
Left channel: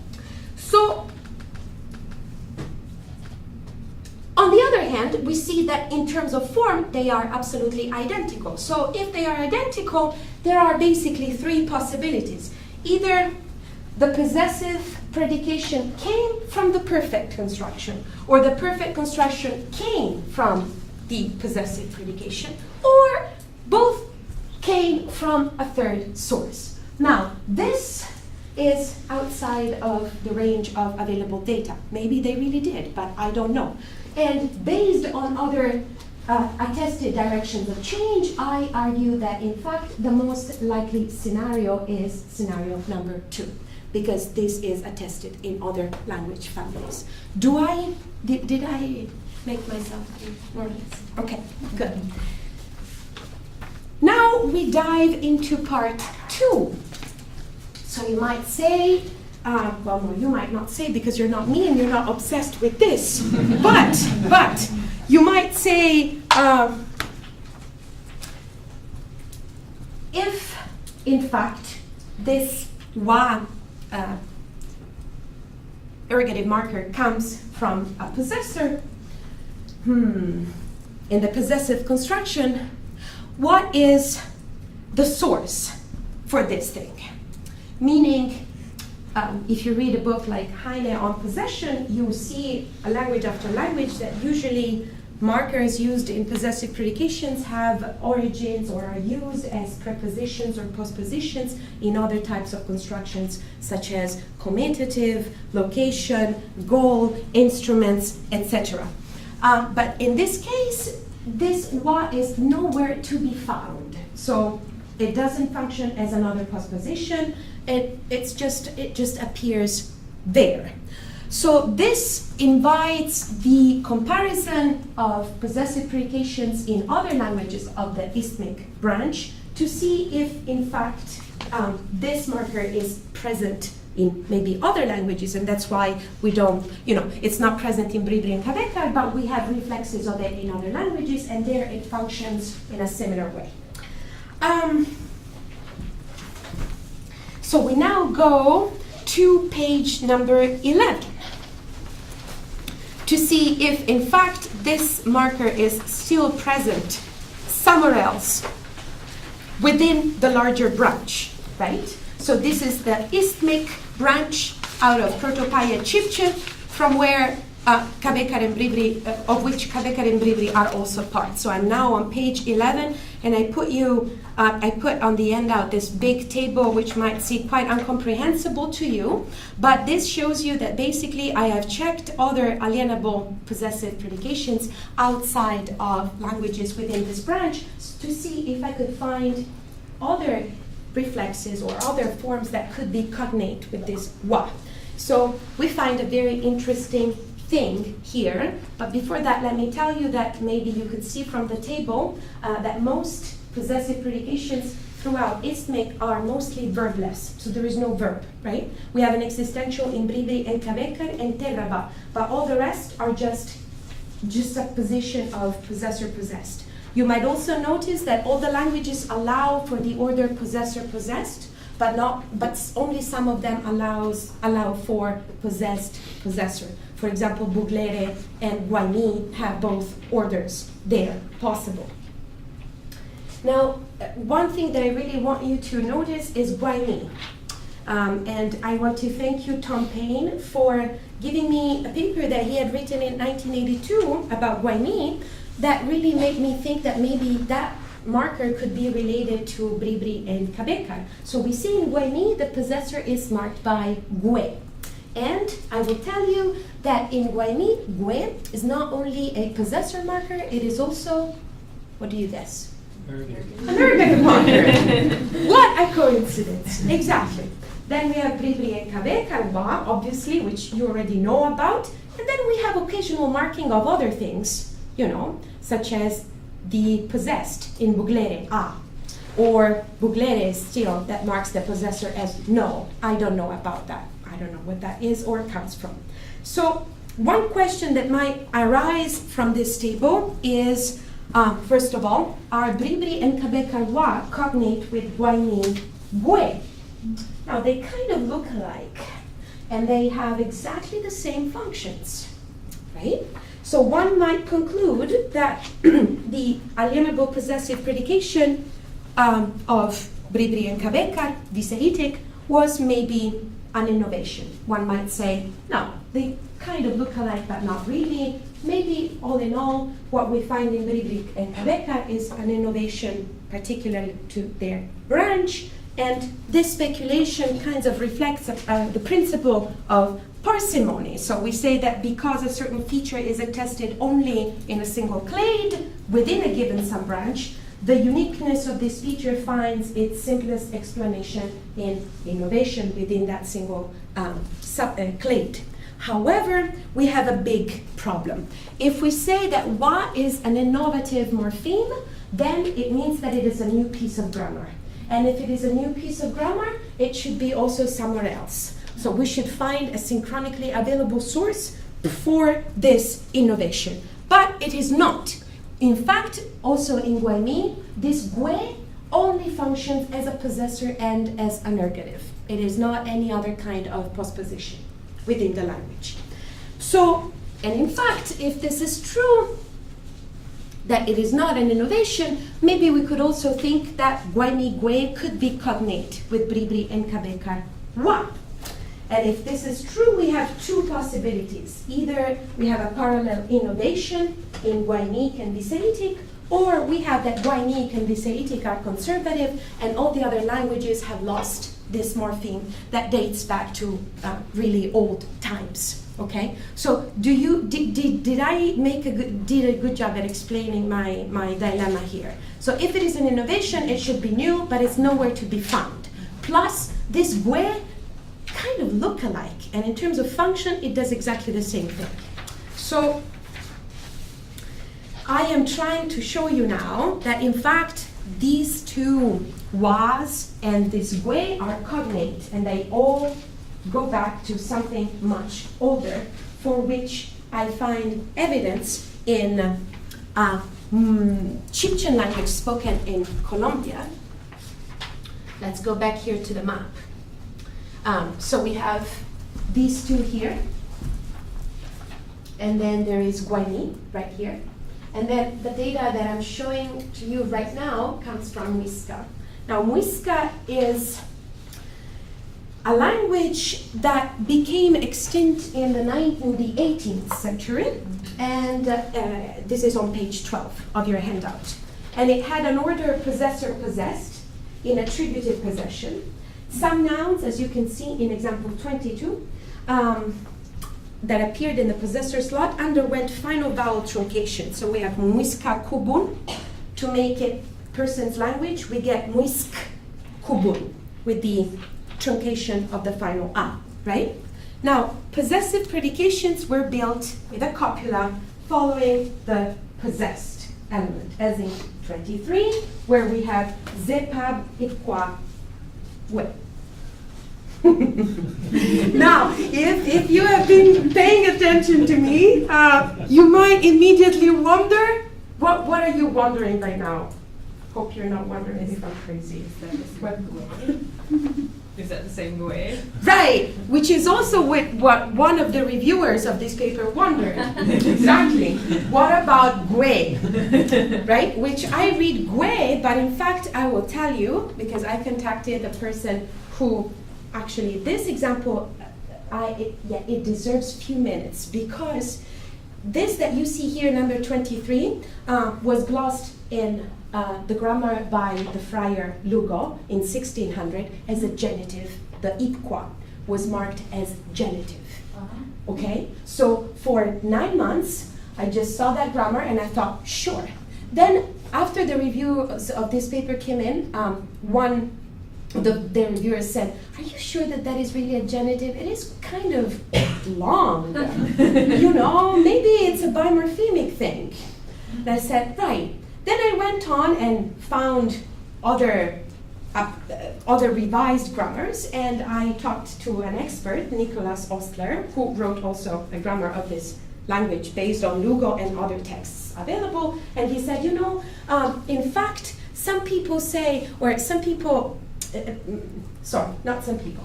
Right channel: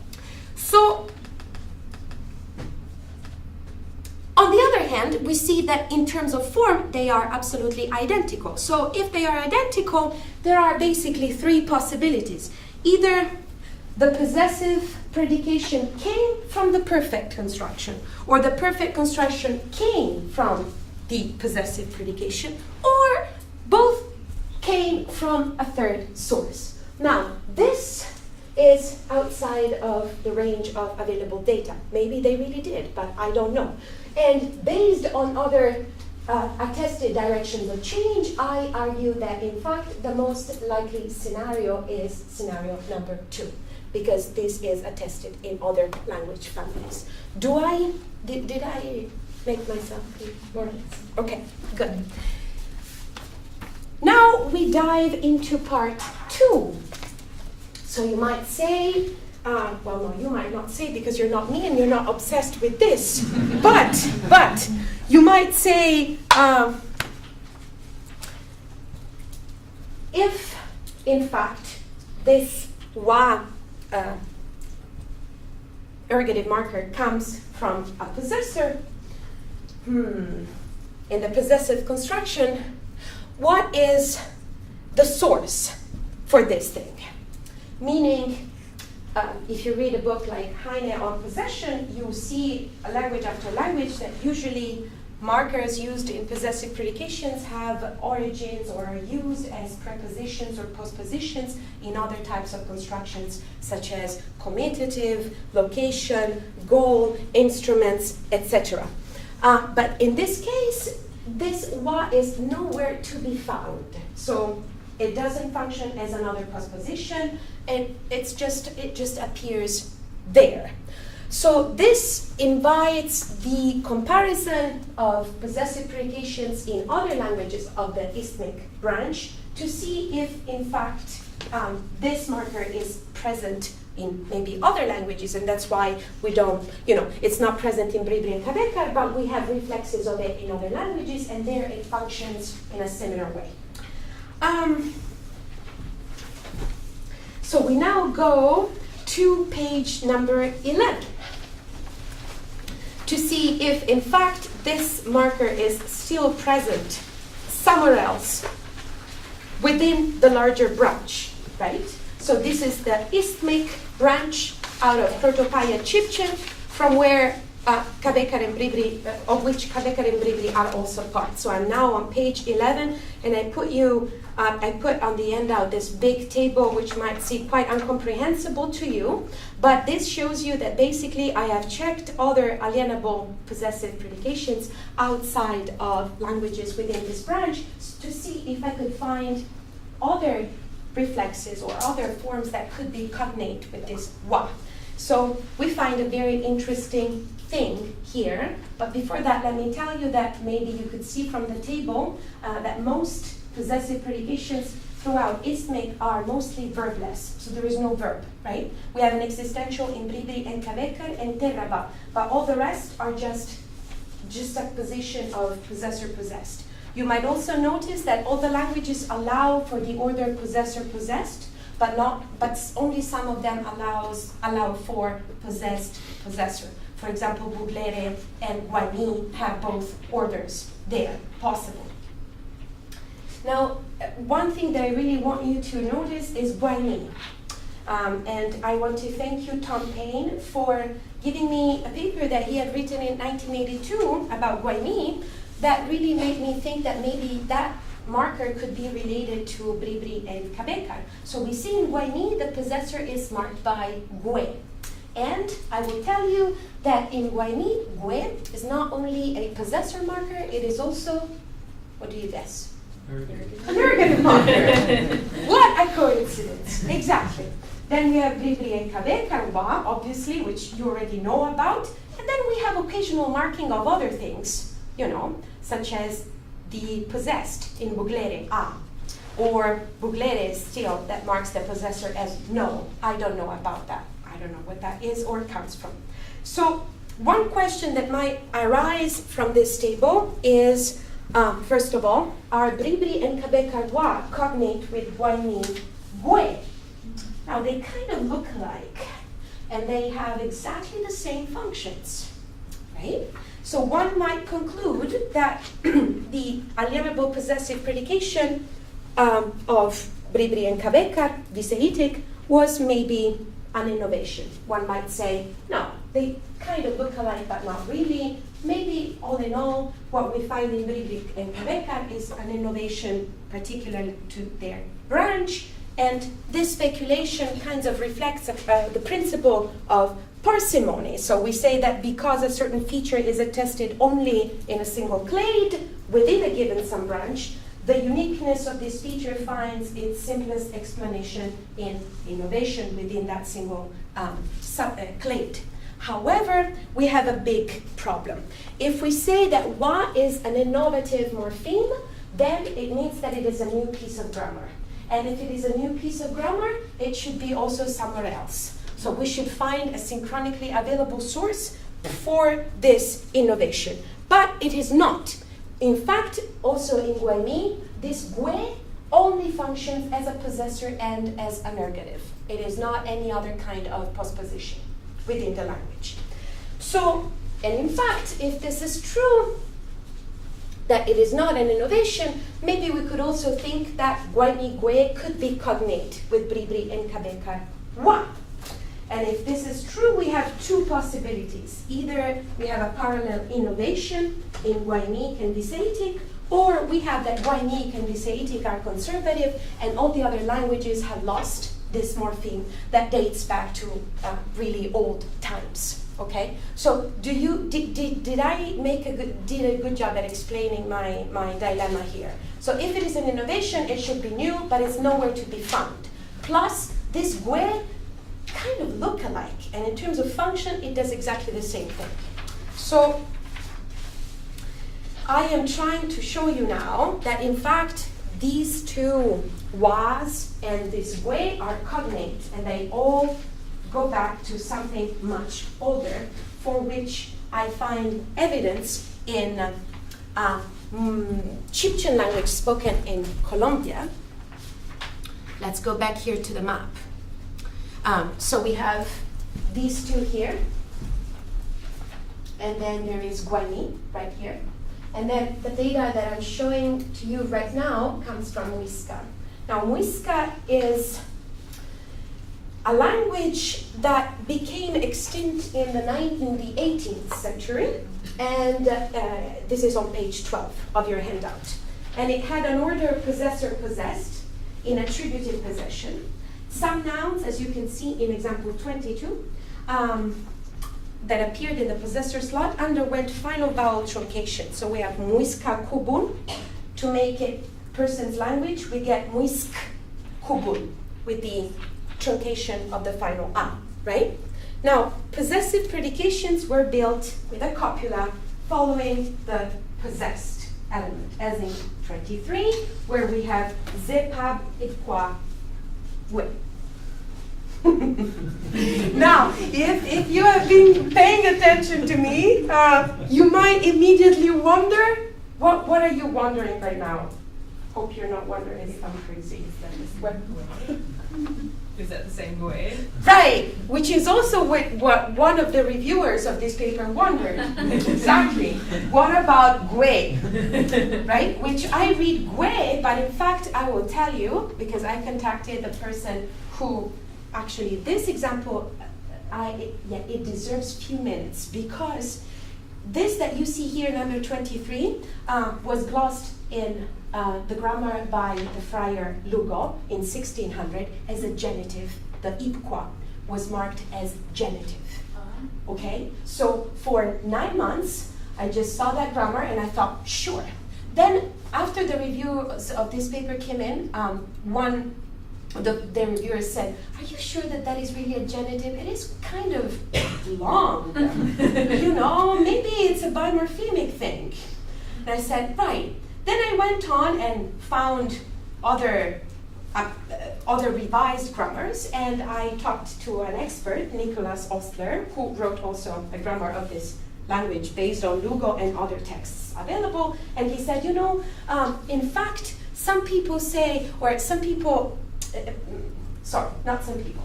on the other hand, we see that in terms of form, they are absolutely identical. So if they are identical, there are basically three possibilities. Either the possessive predication came from the perfect construction, or the perfect construction came from the possessive predication, or both came from a third source. Now, this is outside of the range of available data. Maybe they really did, but I don't know. And based on other attested directions of change, I argue that in fact the most likely scenario is scenario number 2, because this is attested in other language families. Did I make myself clear, more or less? Okay, good. Now we dive into part 2. So you might say, well, no, you might not say because you're not me and you're not obsessed with this, but you might say, if in fact this wa ergative marker comes from a possessor, in the possessive construction, what is the source for this thing? Meaning, if you read a book like Heine on possession, you see a language after language that usually markers used in possessive predications have origins or are used as prepositions or postpositions in other types of constructions, such as commutative, location, goal, instruments, etc. But in this case, this wa is nowhere to be found. So it doesn't function as another postposition. It just appears there. So this invites the comparison of possessive predications in other languages of the isthmic branch to see if, in fact, this marker is present in maybe other languages, and that's why we don't, it's not present in Bribri and Quebecer, but we have reflexes of it in other languages, and there it functions in a similar way. So we now go to page number 11 to see if, in fact, this marker is still present somewhere else within the larger branch, right? So this is the isthmic branch out of Protopaia Chibchan, from where Quebecer and Bribri, of which Quebecer and Bribri are also part. So I'm now on page 11, and I put on the end out this big table, which might seem quite incomprehensible to you, but this shows you that basically I have checked other alienable possessive predications outside of languages within this branch to see if I could find other reflexes or other forms that could be cognate with this wa. So we find a very interesting thing here, but before that, let me tell you that maybe you could see from the table that most possessive predications throughout isthmic are mostly verbless, so there is no verb, right? We have an existential in Bribri and Quebecer and Terraba, but all the rest are just a position of possessor-possessed. You might also notice that all the languages allow for the order possessor-possessed, but only some of them allow for possessed possessor. For example, Buglere and Guayni have both orders there possible. Now, one thing that I really want you to notice is Guayni. And I want to thank you, Tom Payne, for giving me a paper that he had written in 1982 about Guayni that really made me think that maybe that marker could be related to Bribri and Quebecer. So we see in Guayni the possessor is marked by Gue. And I will tell you that in Guayni, Gue is not only a possessor marker, it is also, what do you guess? An ergative marker. What a coincidence. Exactly. Then we have Bribri and Quebecer, obviously, which you already know about. And then we have occasional marking of other things, such as the possessed in Buglere, or Buglere still that marks the possessor as no. I don't know about that. I don't know what that is or comes from. So one question that might arise from this table is, first of all, are Bribri and Quebecer wa cognate with Guayni Gue? Now they kind of look alike, and they have exactly the same functions, right? So one might conclude that the alienable possessive predication of Bribri and Quebecer, Viceitic, was maybe an innovation. One might say, no, they kind of look alike, but not really. maybe all in all, what we find in Bribric and Cabeca is an innovation particular to their branch, and this speculation kind of reflects the principle of parsimony. So we say that because a certain feature is attested only in a single clade within a given subbranch, the uniqueness of this feature finds its simplest explanation in innovation within that single clade. However, we have a big problem. If we say that wa is an innovative morpheme, then it means that it is a new piece of grammar. And if it is a new piece of grammar, it should be also somewhere else. So we should find a synchronically available source for this innovation. But it is not. In fact, also in Guaymi, this gue only functions as a possessor and as an ergative. It is not any other kind of postposition within the language. So, and in fact, if this is true, that it is not an innovation, maybe we could also think that Guaymi gue could be cognate with Bribri and Cabeca wa. And if this is true, we have two possibilities. Either we have a parallel innovation in Guaymic and Viceitic, or we have that Guaymic and Viceitic are conservative and all the other languages have lost this morpheme that dates back to really old times. Okay, so did I make a good job at explaining my dilemma here? So if it is an innovation, it should be new, but it's nowhere to be found. Plus, this gue kind of look alike, and in terms of function, it does exactly the same thing. So I am trying to show you now that in fact these two was and this gue are cognate, and they all go back to something much older, for which I find evidence in Chibchan language spoken in Colombia. Let's go back here to the map. So we have these two here, and then there is Guaymi right here. And then the data that I'm showing to you right now comes from Muisca. Now, Muisca is a language that became extinct in the 18th century, and this is on page 12 of your handout. And it had an order possessor possessed in attributive possession. Some nouns, as you can see in example 22, that appeared in the possessor slot underwent final vowel truncation. So we have Muisca kubun. To make it person's language, we get Muisc kubun with the truncation of the final a, right? Now, possessive predications were built with a copula following the possessed element, as in 23, where we have zepab itqua we. Now, if you have been paying attention to me, you might immediately wonder, what are you wondering right now? Hope you're not wondering if I'm crazy. Is that the same way? Right, which is also what one of the reviewers of this paper wondered. Exactly. What about gue? Right? Which I read gue, but in fact I will tell you, because I contacted the person who actually, this example, it deserves few minutes, because this that you see here, number 23, was glossed in the grammar by the friar Lugo in 1600 as a genitive. The itqua was marked as genitive. Okay? So for 9 months, I just saw that grammar and I thought, sure. Then after the review of this paper came in, the reviewer said, are you sure that that is really a genitive? It is kind of long. You know, maybe it's a bimorphemic thing. And I said, right. Then I went on and found other revised grammars, and I talked to an expert, Nicolas Ostler, who wrote also a grammar of this language based on Lugo and other texts available. And he said, you know, in fact, some people say, or some people, sorry, not some people.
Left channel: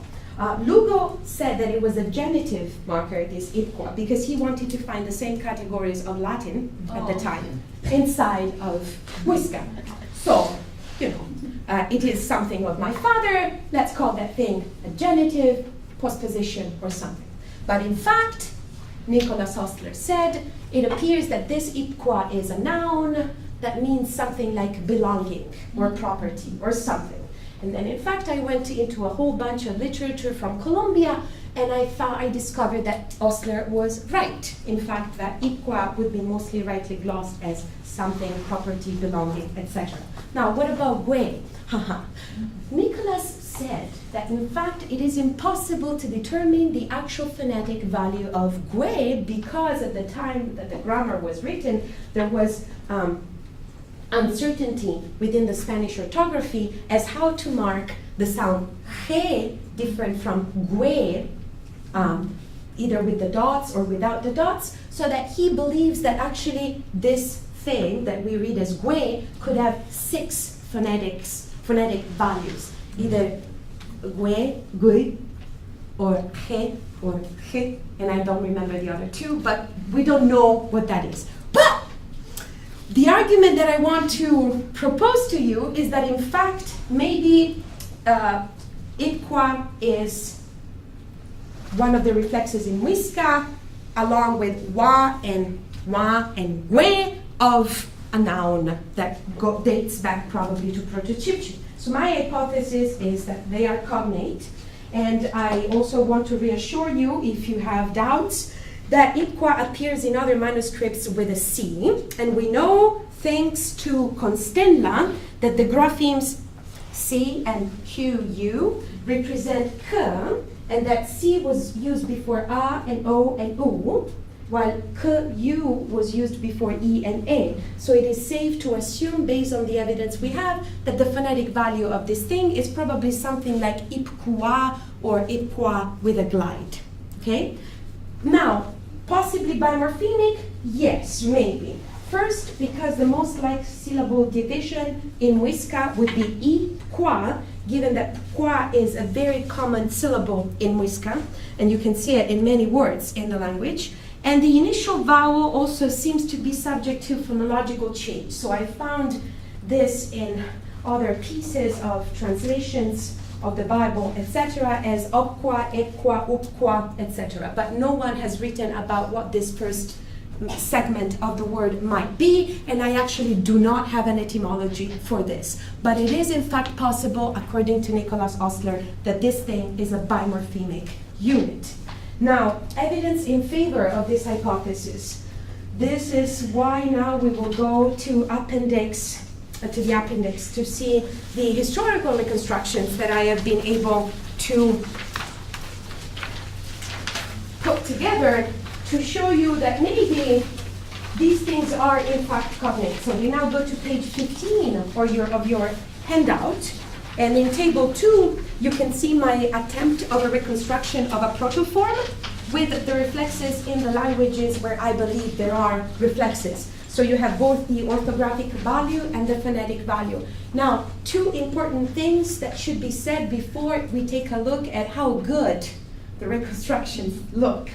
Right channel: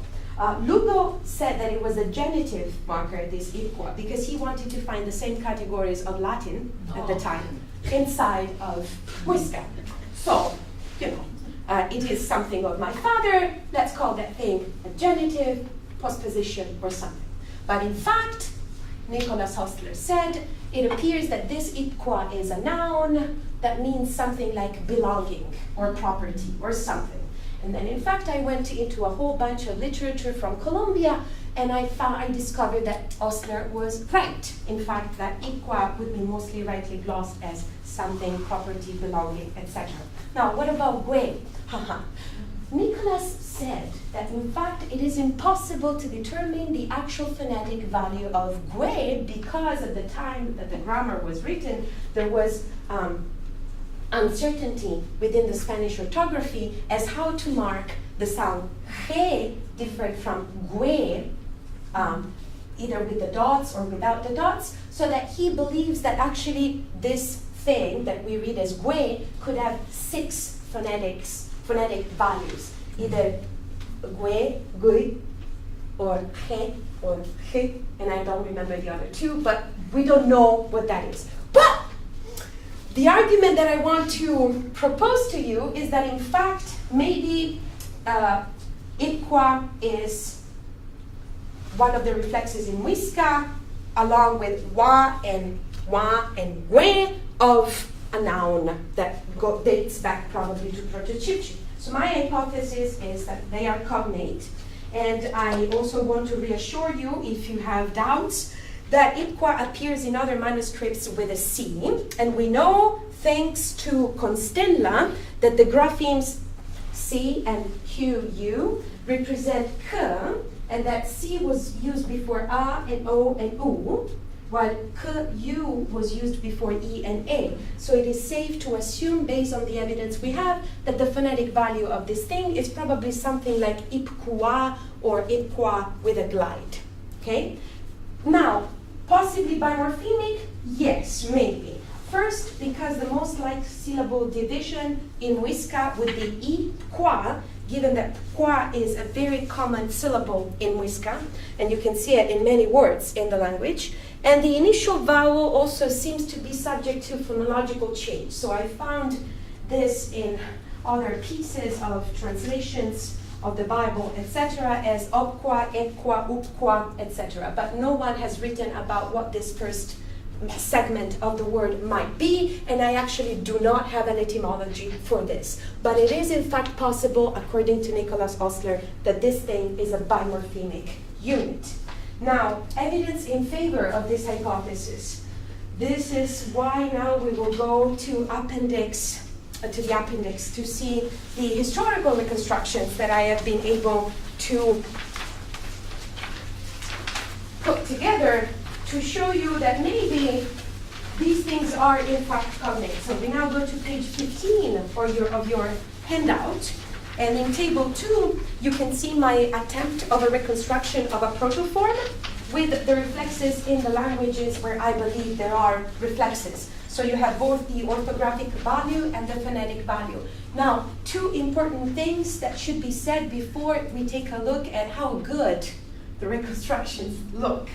Lugo said that it was a genitive marker, this itqua, because he wanted to find the same categories of Latin at the time inside of Muisca. So, you know, it is something of my father, let's call that thing a genitive, postposition, or something. But in fact, Nicolas Ostler said it appears that this ipqua is a noun that means something like belonging or property or something. And then in fact I went into a whole bunch of literature from Colombia, and I discovered that Osler was right. In fact, that ipqua would be mostly rightly glossed as something, property, belonging, etc. Now, what about gue? Nicholas said that in fact it is impossible to determine the actual phonetic value of gue because at the time that the grammar was written, there was uncertainty within the Spanish orthography as how to mark the sound ge different from gue, either with the dots or without the dots, so that he believes that actually this thing that we read as gue could have 6 phonetic values, either gue, gui, or ge, or ge, and I don't remember the other 2, but we don't know what that is. But the argument that I want to propose to you is that in fact maybe ipqua is one of the reflexes in Muisca, along with wa and gue of a noun that dates back probably to Proto-Chibchan. So my hypothesis is that they are cognate, and I also want to reassure you, if you have doubts, that ipqua appears in other manuscripts with a C, and we know, thanks to Constenla, that the graphemes C and QU represent K, and that C was used before A and O and U, while KU was used before E and A. So it is safe to assume, based on the evidence we have, that the phonetic value of this thing is probably something like ipqua or ipqua with a glide. Okay? Now, possibly bimorphemic? Yes, maybe. First, because the most like syllable division in Muisca would be ipqua, given that qua is a very common syllable in Muisca, and you can see it in many words in the language. And the initial vowel also seems to be subject to phonological change. So I found this in other pieces of translations of the Bible, etc., as opqua, equa, upqua, etc. But no one has written about what this first segment of the word might be, and I actually do not have an etymology for this. But it is in fact possible, according to Nicholas Osler, that this thing is a bimorphemic unit. Now, evidence in favor of this hypothesis. This is why now we will go to the appendix to see the historical reconstructions that I have been able to put together to show you that maybe these things are in fact cognate. So we now go to page 15 of your handout. And in table 2, you can see my attempt of a reconstruction of a protoform with the reflexes in the languages where I believe there are reflexes. So you have both the orthographic value and the phonetic value. Now, 2 important things that should be said before we take a look at how good the reconstructions look.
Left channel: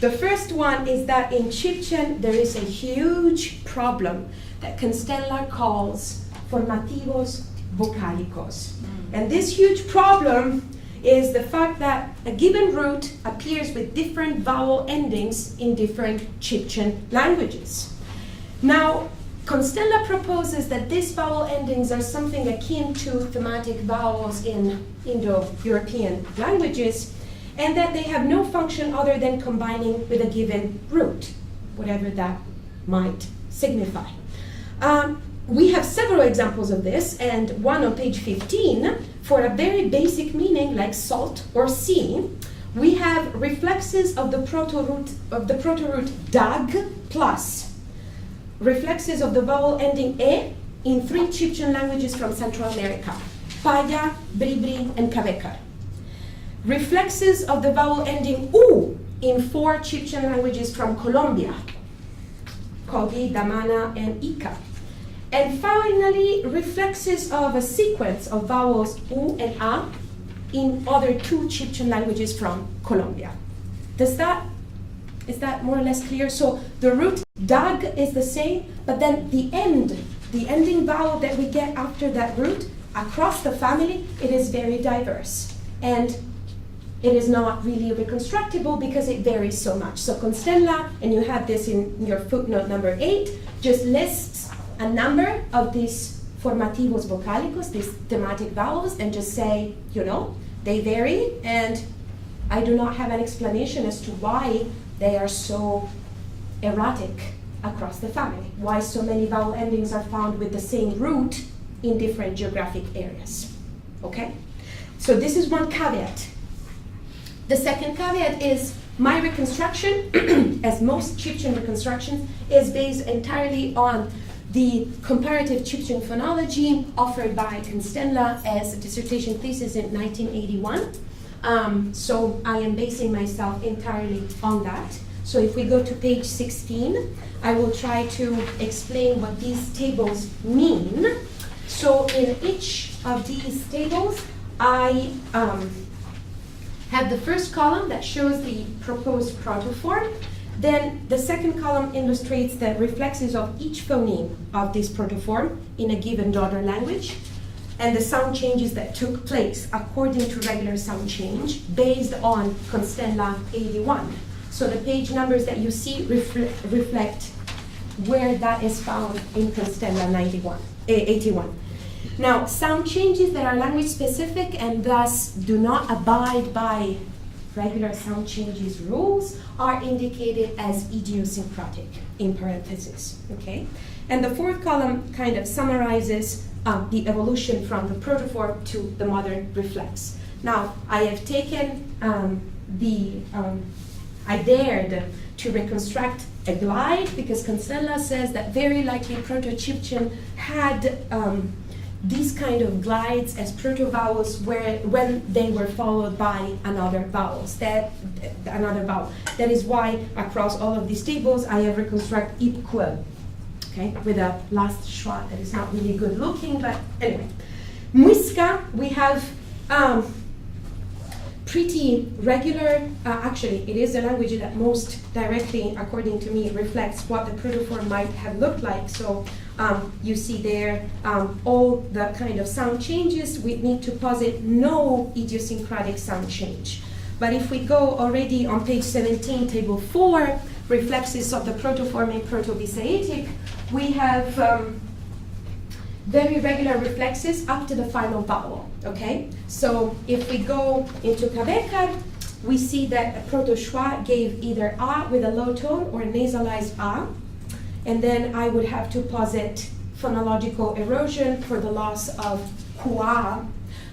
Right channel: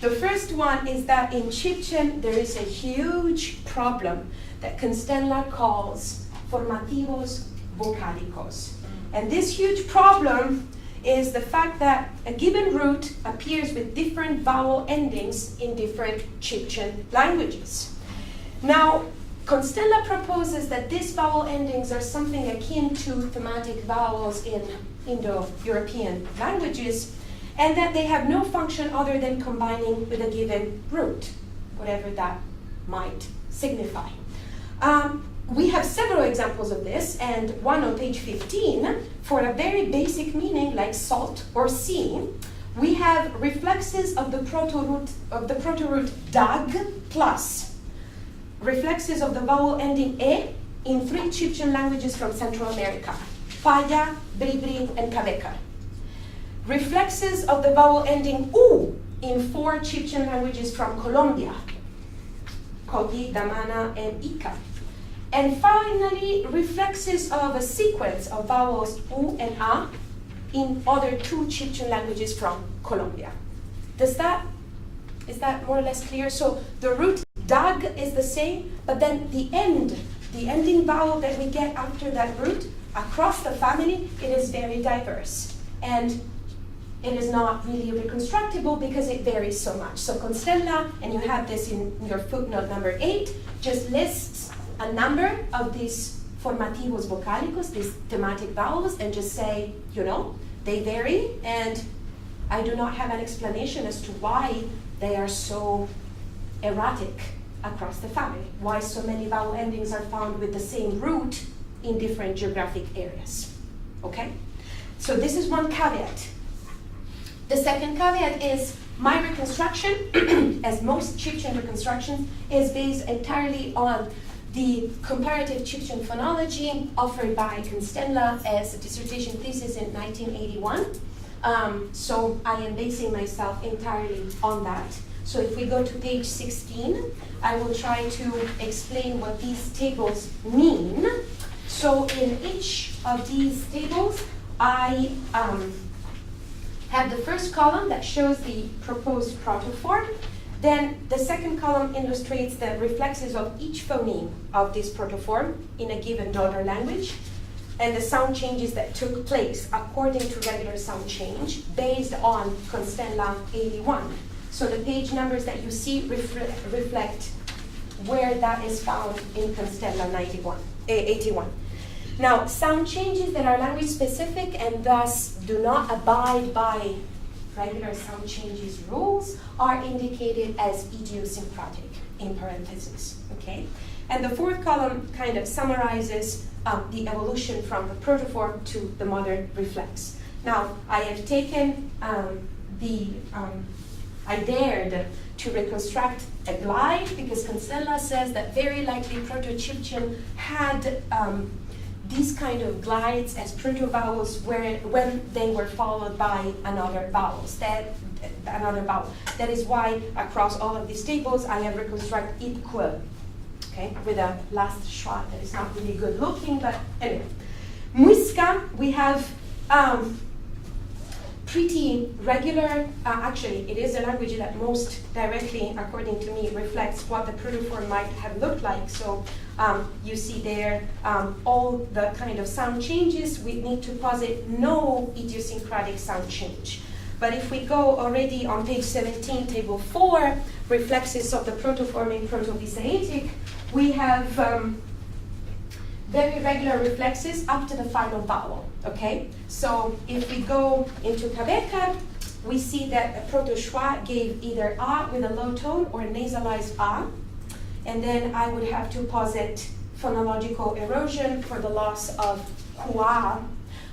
The first one is that in Chibchan there is a huge problem that Constenla calls formativos vocálicos. And this huge problem is the fact that a given root appears with different vowel endings in different Chibchan languages. Now, Constenla proposes that these vowel endings are something akin to thematic vowels in Indo-European languages, and that they have no function other than combining with a given root, whatever that might signify. We have several examples of this, and one on page 15, for a very basic meaning like salt or sea, we have reflexes of the protoroot dag plus reflexes of the vowel ending e in 3 Chibchan languages from Central America, Paya, Bribri, and Cavecar. Reflexes of the vowel ending u in 4 Chibchan languages from Colombia, Kogi, Damana, and Ica. And finally, reflexes of a sequence of vowels u and a in other 2 Chibchan languages from Colombia. Is that more or less clear? So the root dag is the same, but then the ending vowel that we get after that root across the family, it is very diverse. And it is not really reconstructible because it varies so much. So Constella, and you have this in your footnote number 8, just lists a number of these formativos vocálicos, these thematic vowels, and just say, you know, they vary, and I do not have an explanation as to why they are so erratic across the family, why so many vowel endings are found with the same root in different geographic areas. Okay? So this is one caveat. The second caveat is my reconstruction, as most Chibchan reconstructions, is based entirely on the comparative Chibchan phonology offered by Constella as a dissertation thesis in 1981. So I am basing myself entirely on that. So if we go to page 16, I will try to explain what these tables mean. So in each of these tables, I have the first column that shows the proposed protoform. Then the second column illustrates the reflexes of each phoneme of this protoform in a given daughter language, and the sound changes that took place according to regular sound change based on Constella 81. So the page numbers that you see reflect where that is found in Constella 81. Now, sound changes that are language specific and thus do not abide by regular sound changes rules are indicated as idiosyncratic in parentheses, okay? And the fourth column kind of summarizes the evolution from the protoform to the modern reflex. Now, I have taken I dared to reconstruct a glide because Constella says that very likely Proto-Chibchan had these kind of glides as proto-vowels when they were followed by another vowel. That is why across all of these tables I have reconstructed ipque, okay, with a last schwa that is not really good looking, but anyway. Muisca, we have pretty regular, actually it is the language that most directly, according to me, reflects what the protoform might have looked like. So you see there all the kind of sound changes. We need to posit no idiosyncratic sound change. But if we go already on page 17, table 4, reflexes of the protoform in Proto-Viceitic, we have very regular reflexes up to the final vowel, okay? So if we go into Quebecer, we see that a proto-schwa gave either a with a low tone or nasalized a, and then I would have to posit phonological erosion for the loss of kua,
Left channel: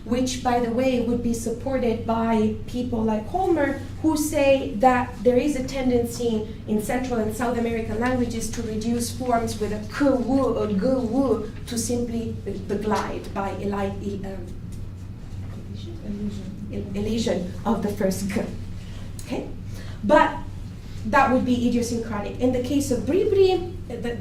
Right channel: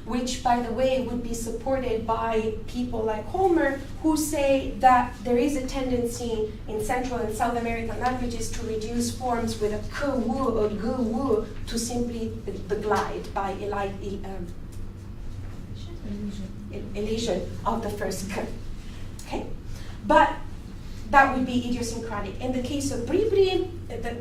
which, by the way, would be supported by people like Homer, who say that there is a tendency in Central and South American languages to reduce forms with a k-wu or g-wu to simply the glide by elision of the first k. Okay? But that would be idiosyncratic. In the case of Bribri,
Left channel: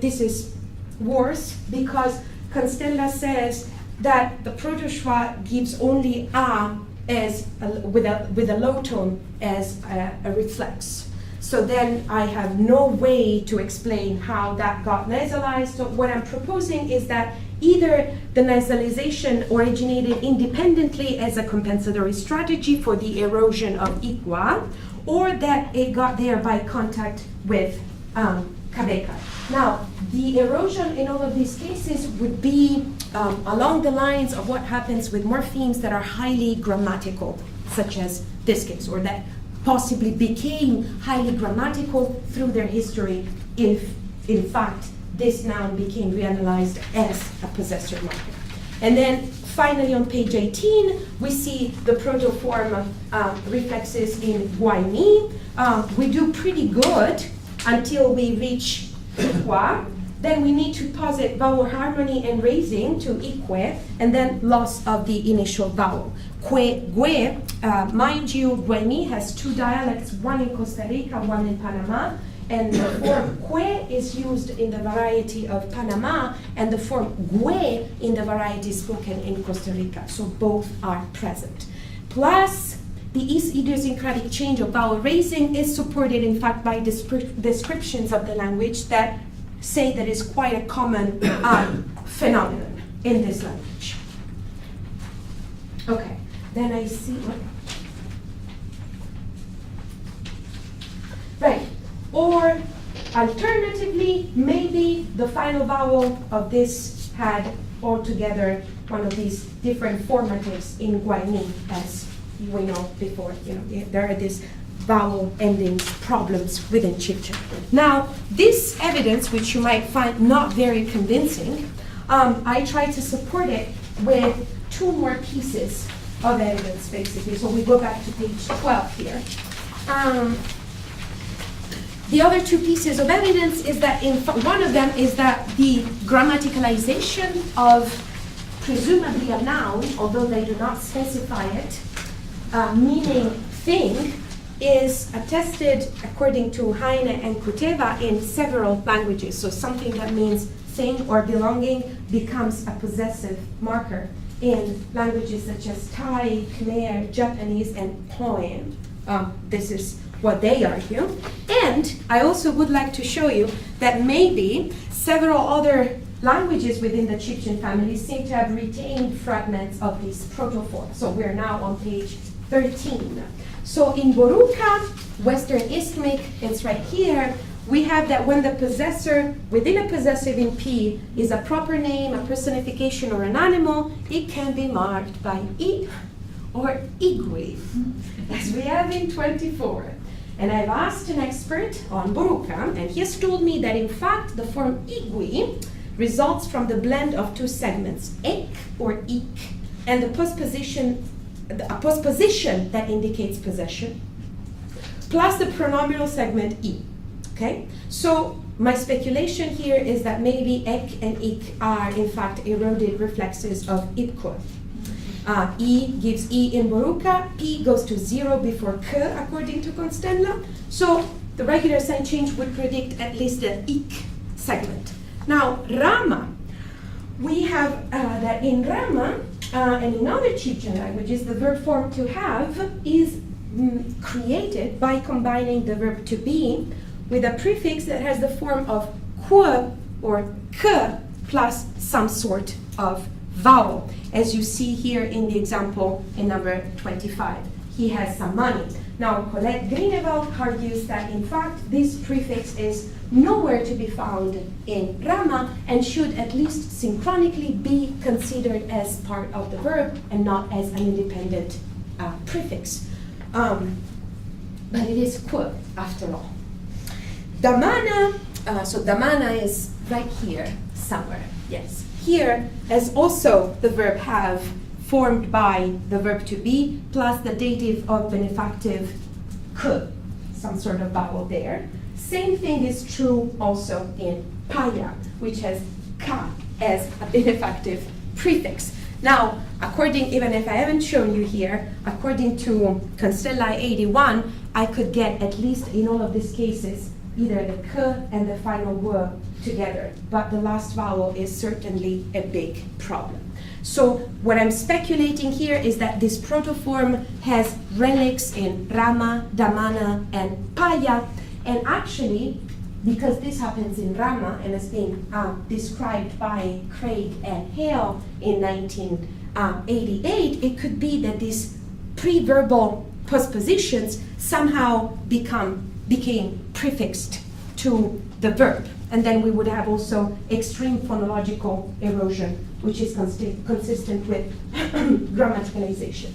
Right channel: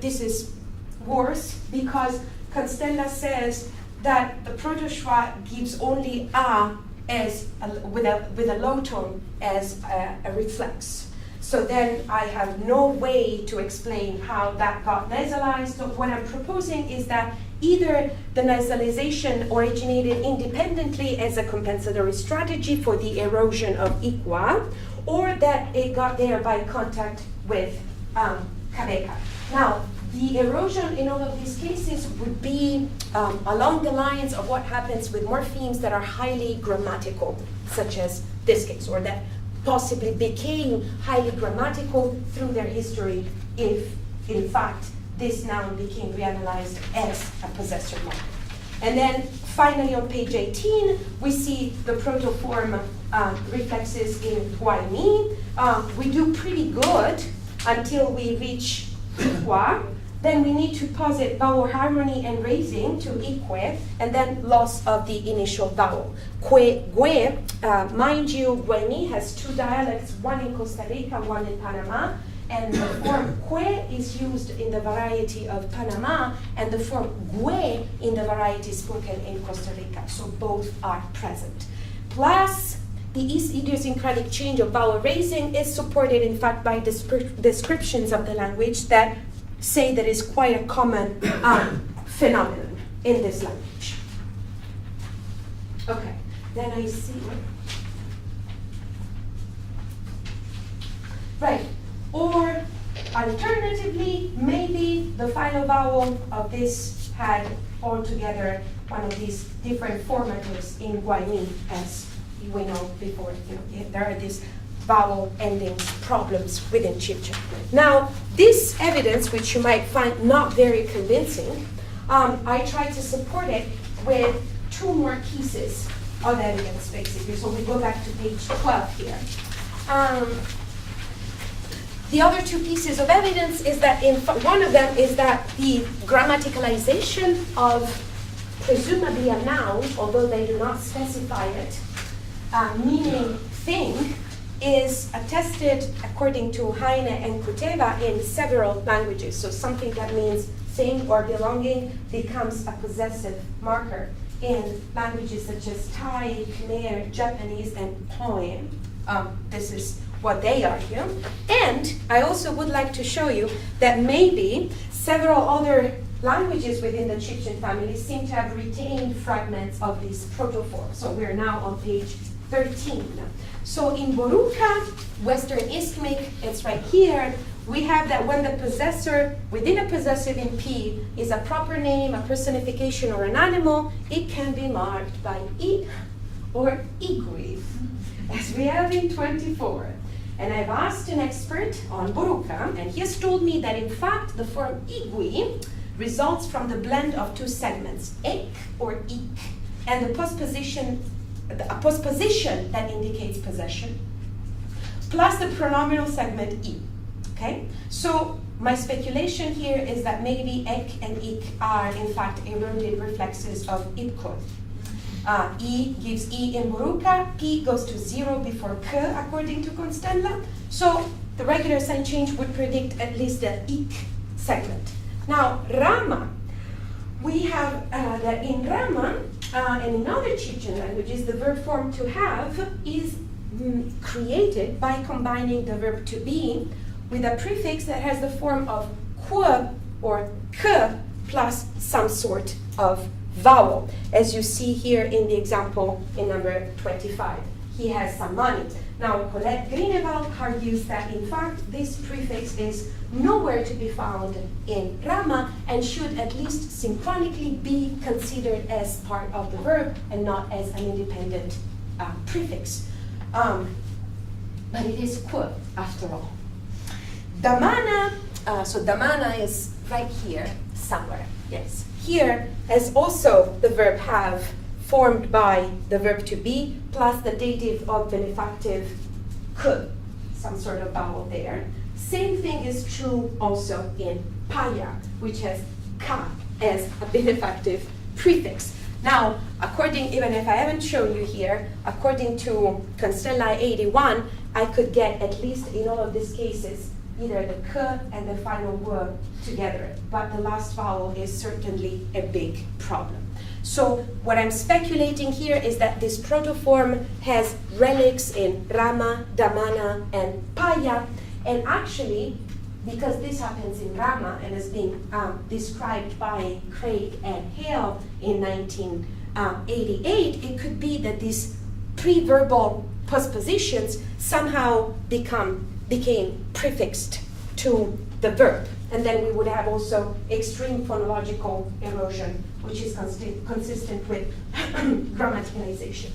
this is worse because Constella says that the proto-schwa gives only a as with a low tone as a reflex. So then I have no way to explain how that got nasalized. So what I'm proposing is that either the nasalization originated independently as a compensatory strategy for the erosion of iqua, or that it got there by contact with Quebecer. Now, the erosion in all of these cases would be along the lines of what happens with morphemes that are highly grammatical, such as this case, or that possibly became highly grammatical through their history if, in fact, this noun became reanalyzed as a possessor marker. And then finally on page 18, we see the protoform reflexes in Guayni. We do pretty good until we reach iqua. Then we need to posit vowel harmony and raising to ique, and then loss of the initial vowel. Gue, mind you, Guayni has two dialects, one in Costa Rica, one in Panama, and the form que is used in the variety of Panama, and the form gue in the variety spoken in Costa Rica. So both are present. Plus, the idiosyncratic change of vowel raising is supported, in fact, by descriptions of the language that say that it's quite a common phenomenon in this language. Okay, then I see what. alternatively, maybe the final vowel of this had altogether one of these different formatives in Guarani, as we know before. There are these vowel endings problems within Chibchan. Now, this evidence, which you might find not very convincing, I try to support it with two more pieces of evidence, basically. So we go back to page 12 here. The other two pieces of evidence is that one of them is that the grammaticalization of presumably a noun, although they do not specify it, meaning thing, is attested according to Heine and Kuteva in several languages. So something that means thing or belonging becomes a possessive marker in languages such as Thai, Khmer, Japanese, and Poem. This is what they argue. And I also would like to show you that maybe several other languages within the Chibchan family seem to have retained fragments of this protoform. So we're now on page 13. So in Boruca, Western Isthmic, it's right here, we have that when the possessor within a possessive in P is a proper name, a personification, or an animal, it can be marked by I or igui, as we have in 24. And I've asked an expert on Boruca, and he has told me that in fact the form igui results from the blend of two segments, ek or ik, and the postposition that indicates possession, plus the pronominal segment I. Okay? So my speculation here is that maybe ek and ik are in fact eroded reflexes of ipko. I gives I in Boruca, P goes to 0 before K according to Constella. So the regular sign change would predict at least the ik segment. Now, Rama, we have that in Rama and in other Chibchan languages, the verb form to have is created by combining the verb to be with a prefix that has the form of ku or k plus some sort of vowel, as you see here in the example in number 25. He has some money. Now, Colette Greenewald argues that in fact this prefix is nowhere to be found in Rama and should at least synchronically be considered as part of the verb and not as an independent prefix. But it is ku after all. Damana, so damana is right here somewhere, yes. Here is also the verb have formed by the verb to be plus the dative of benefactive ku, some sort of vowel there. Same thing is true also in paya, which has ka as a benefactive prefix. Now, even if I haven't shown you here, according to Constella 81, I could get at least in all of these cases either the k and the final w together, but the last vowel is certainly a big problem. So what I'm speculating here is that this protoform has relics in Rama, Damana, and Paya, and actually, because this happens in Rama and has been described by Craig and Hale in 1988, it could be that these pre-verbal postpositions somehow became prefixed to the verb. And then we would have also extreme phonological erosion, which is consistent with grammaticalization.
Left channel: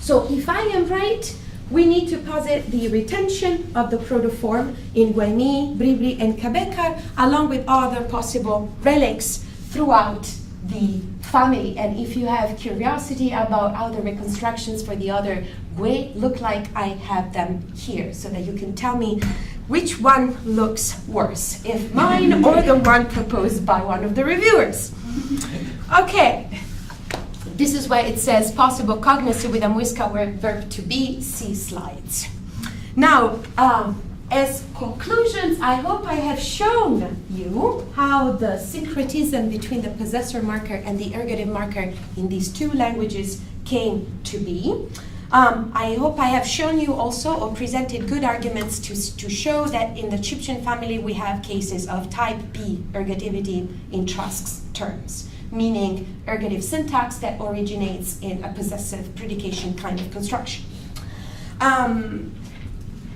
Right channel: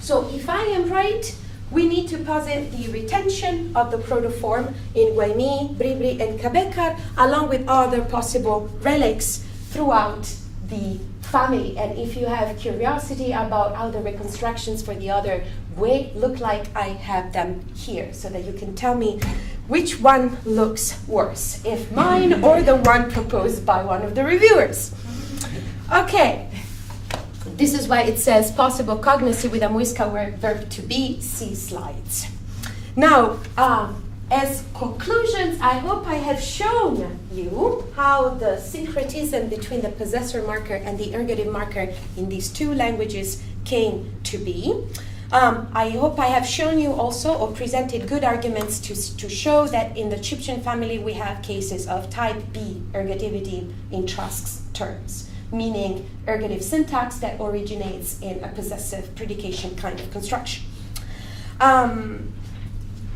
So if I am right, we need to posit the retention of the protoform in Guarani, Bribri, and Quebecer, along with other possible relics throughout the family. And if you have curiosity about how the reconstructions for the other way look like, I have them here so that you can tell me which one looks worse, if mine or the one proposed by one of the reviewers. Okay, this is why it says possible cognacy with a muisca verb to be, see slides. Now, as conclusions, I hope I have shown you how the syncretism between the possessor marker and the ergative marker in these two languages came to be. I hope I have shown you also or presented good arguments to show that in the Chibchan family we have cases of type B ergativity in Trusk's terms, meaning ergative syntax that originates in a possessive predication kind of construction.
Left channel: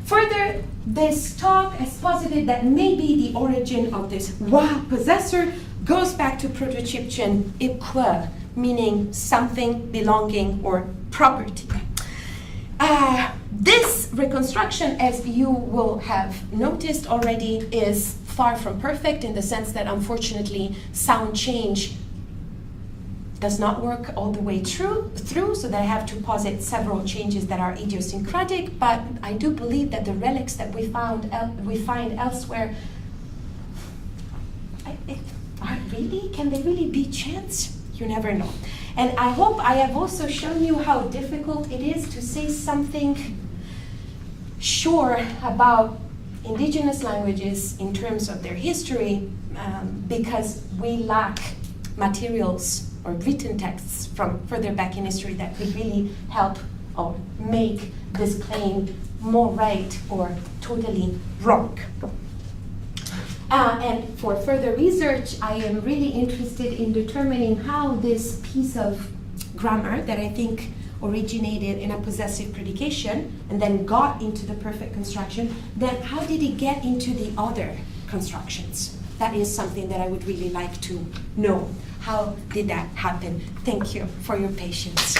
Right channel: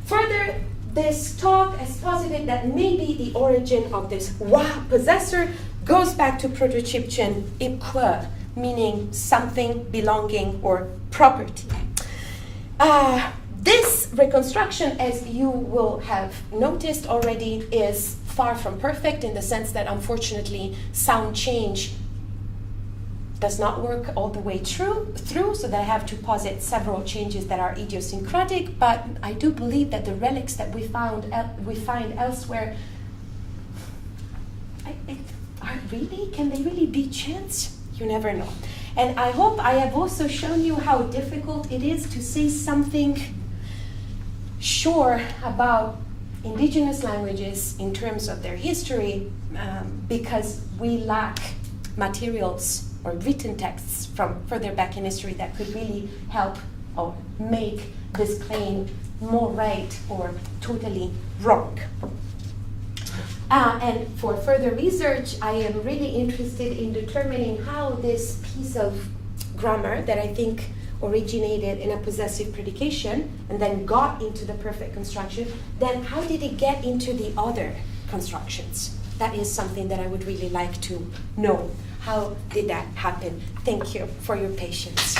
Further, this talk has posited that maybe the origin of this wa possessor goes back to Proto-Chibchan ikwa, meaning something belonging or property. This reconstruction, as you will have noticed already, is far from perfect in the sense that unfortunately sound change does not work all the way through, so that I have to posit several changes that are idiosyncratic, but I do believe that the relics that we find elsewhere can they really be chance? You never know. And I hope I have also shown you how difficult it is to say something sure about indigenous languages in terms of their history, because we lack materials or written texts from further back in history that could really help or make this claim more right or totally wrong. And for further research, I am really interested in determining how this piece of grammar that I think originated in a possessive predication and then got into the perfect construction, then how did it get into the other constructions? That is something that I would really like to know. How did that happen? Thank you for your patience.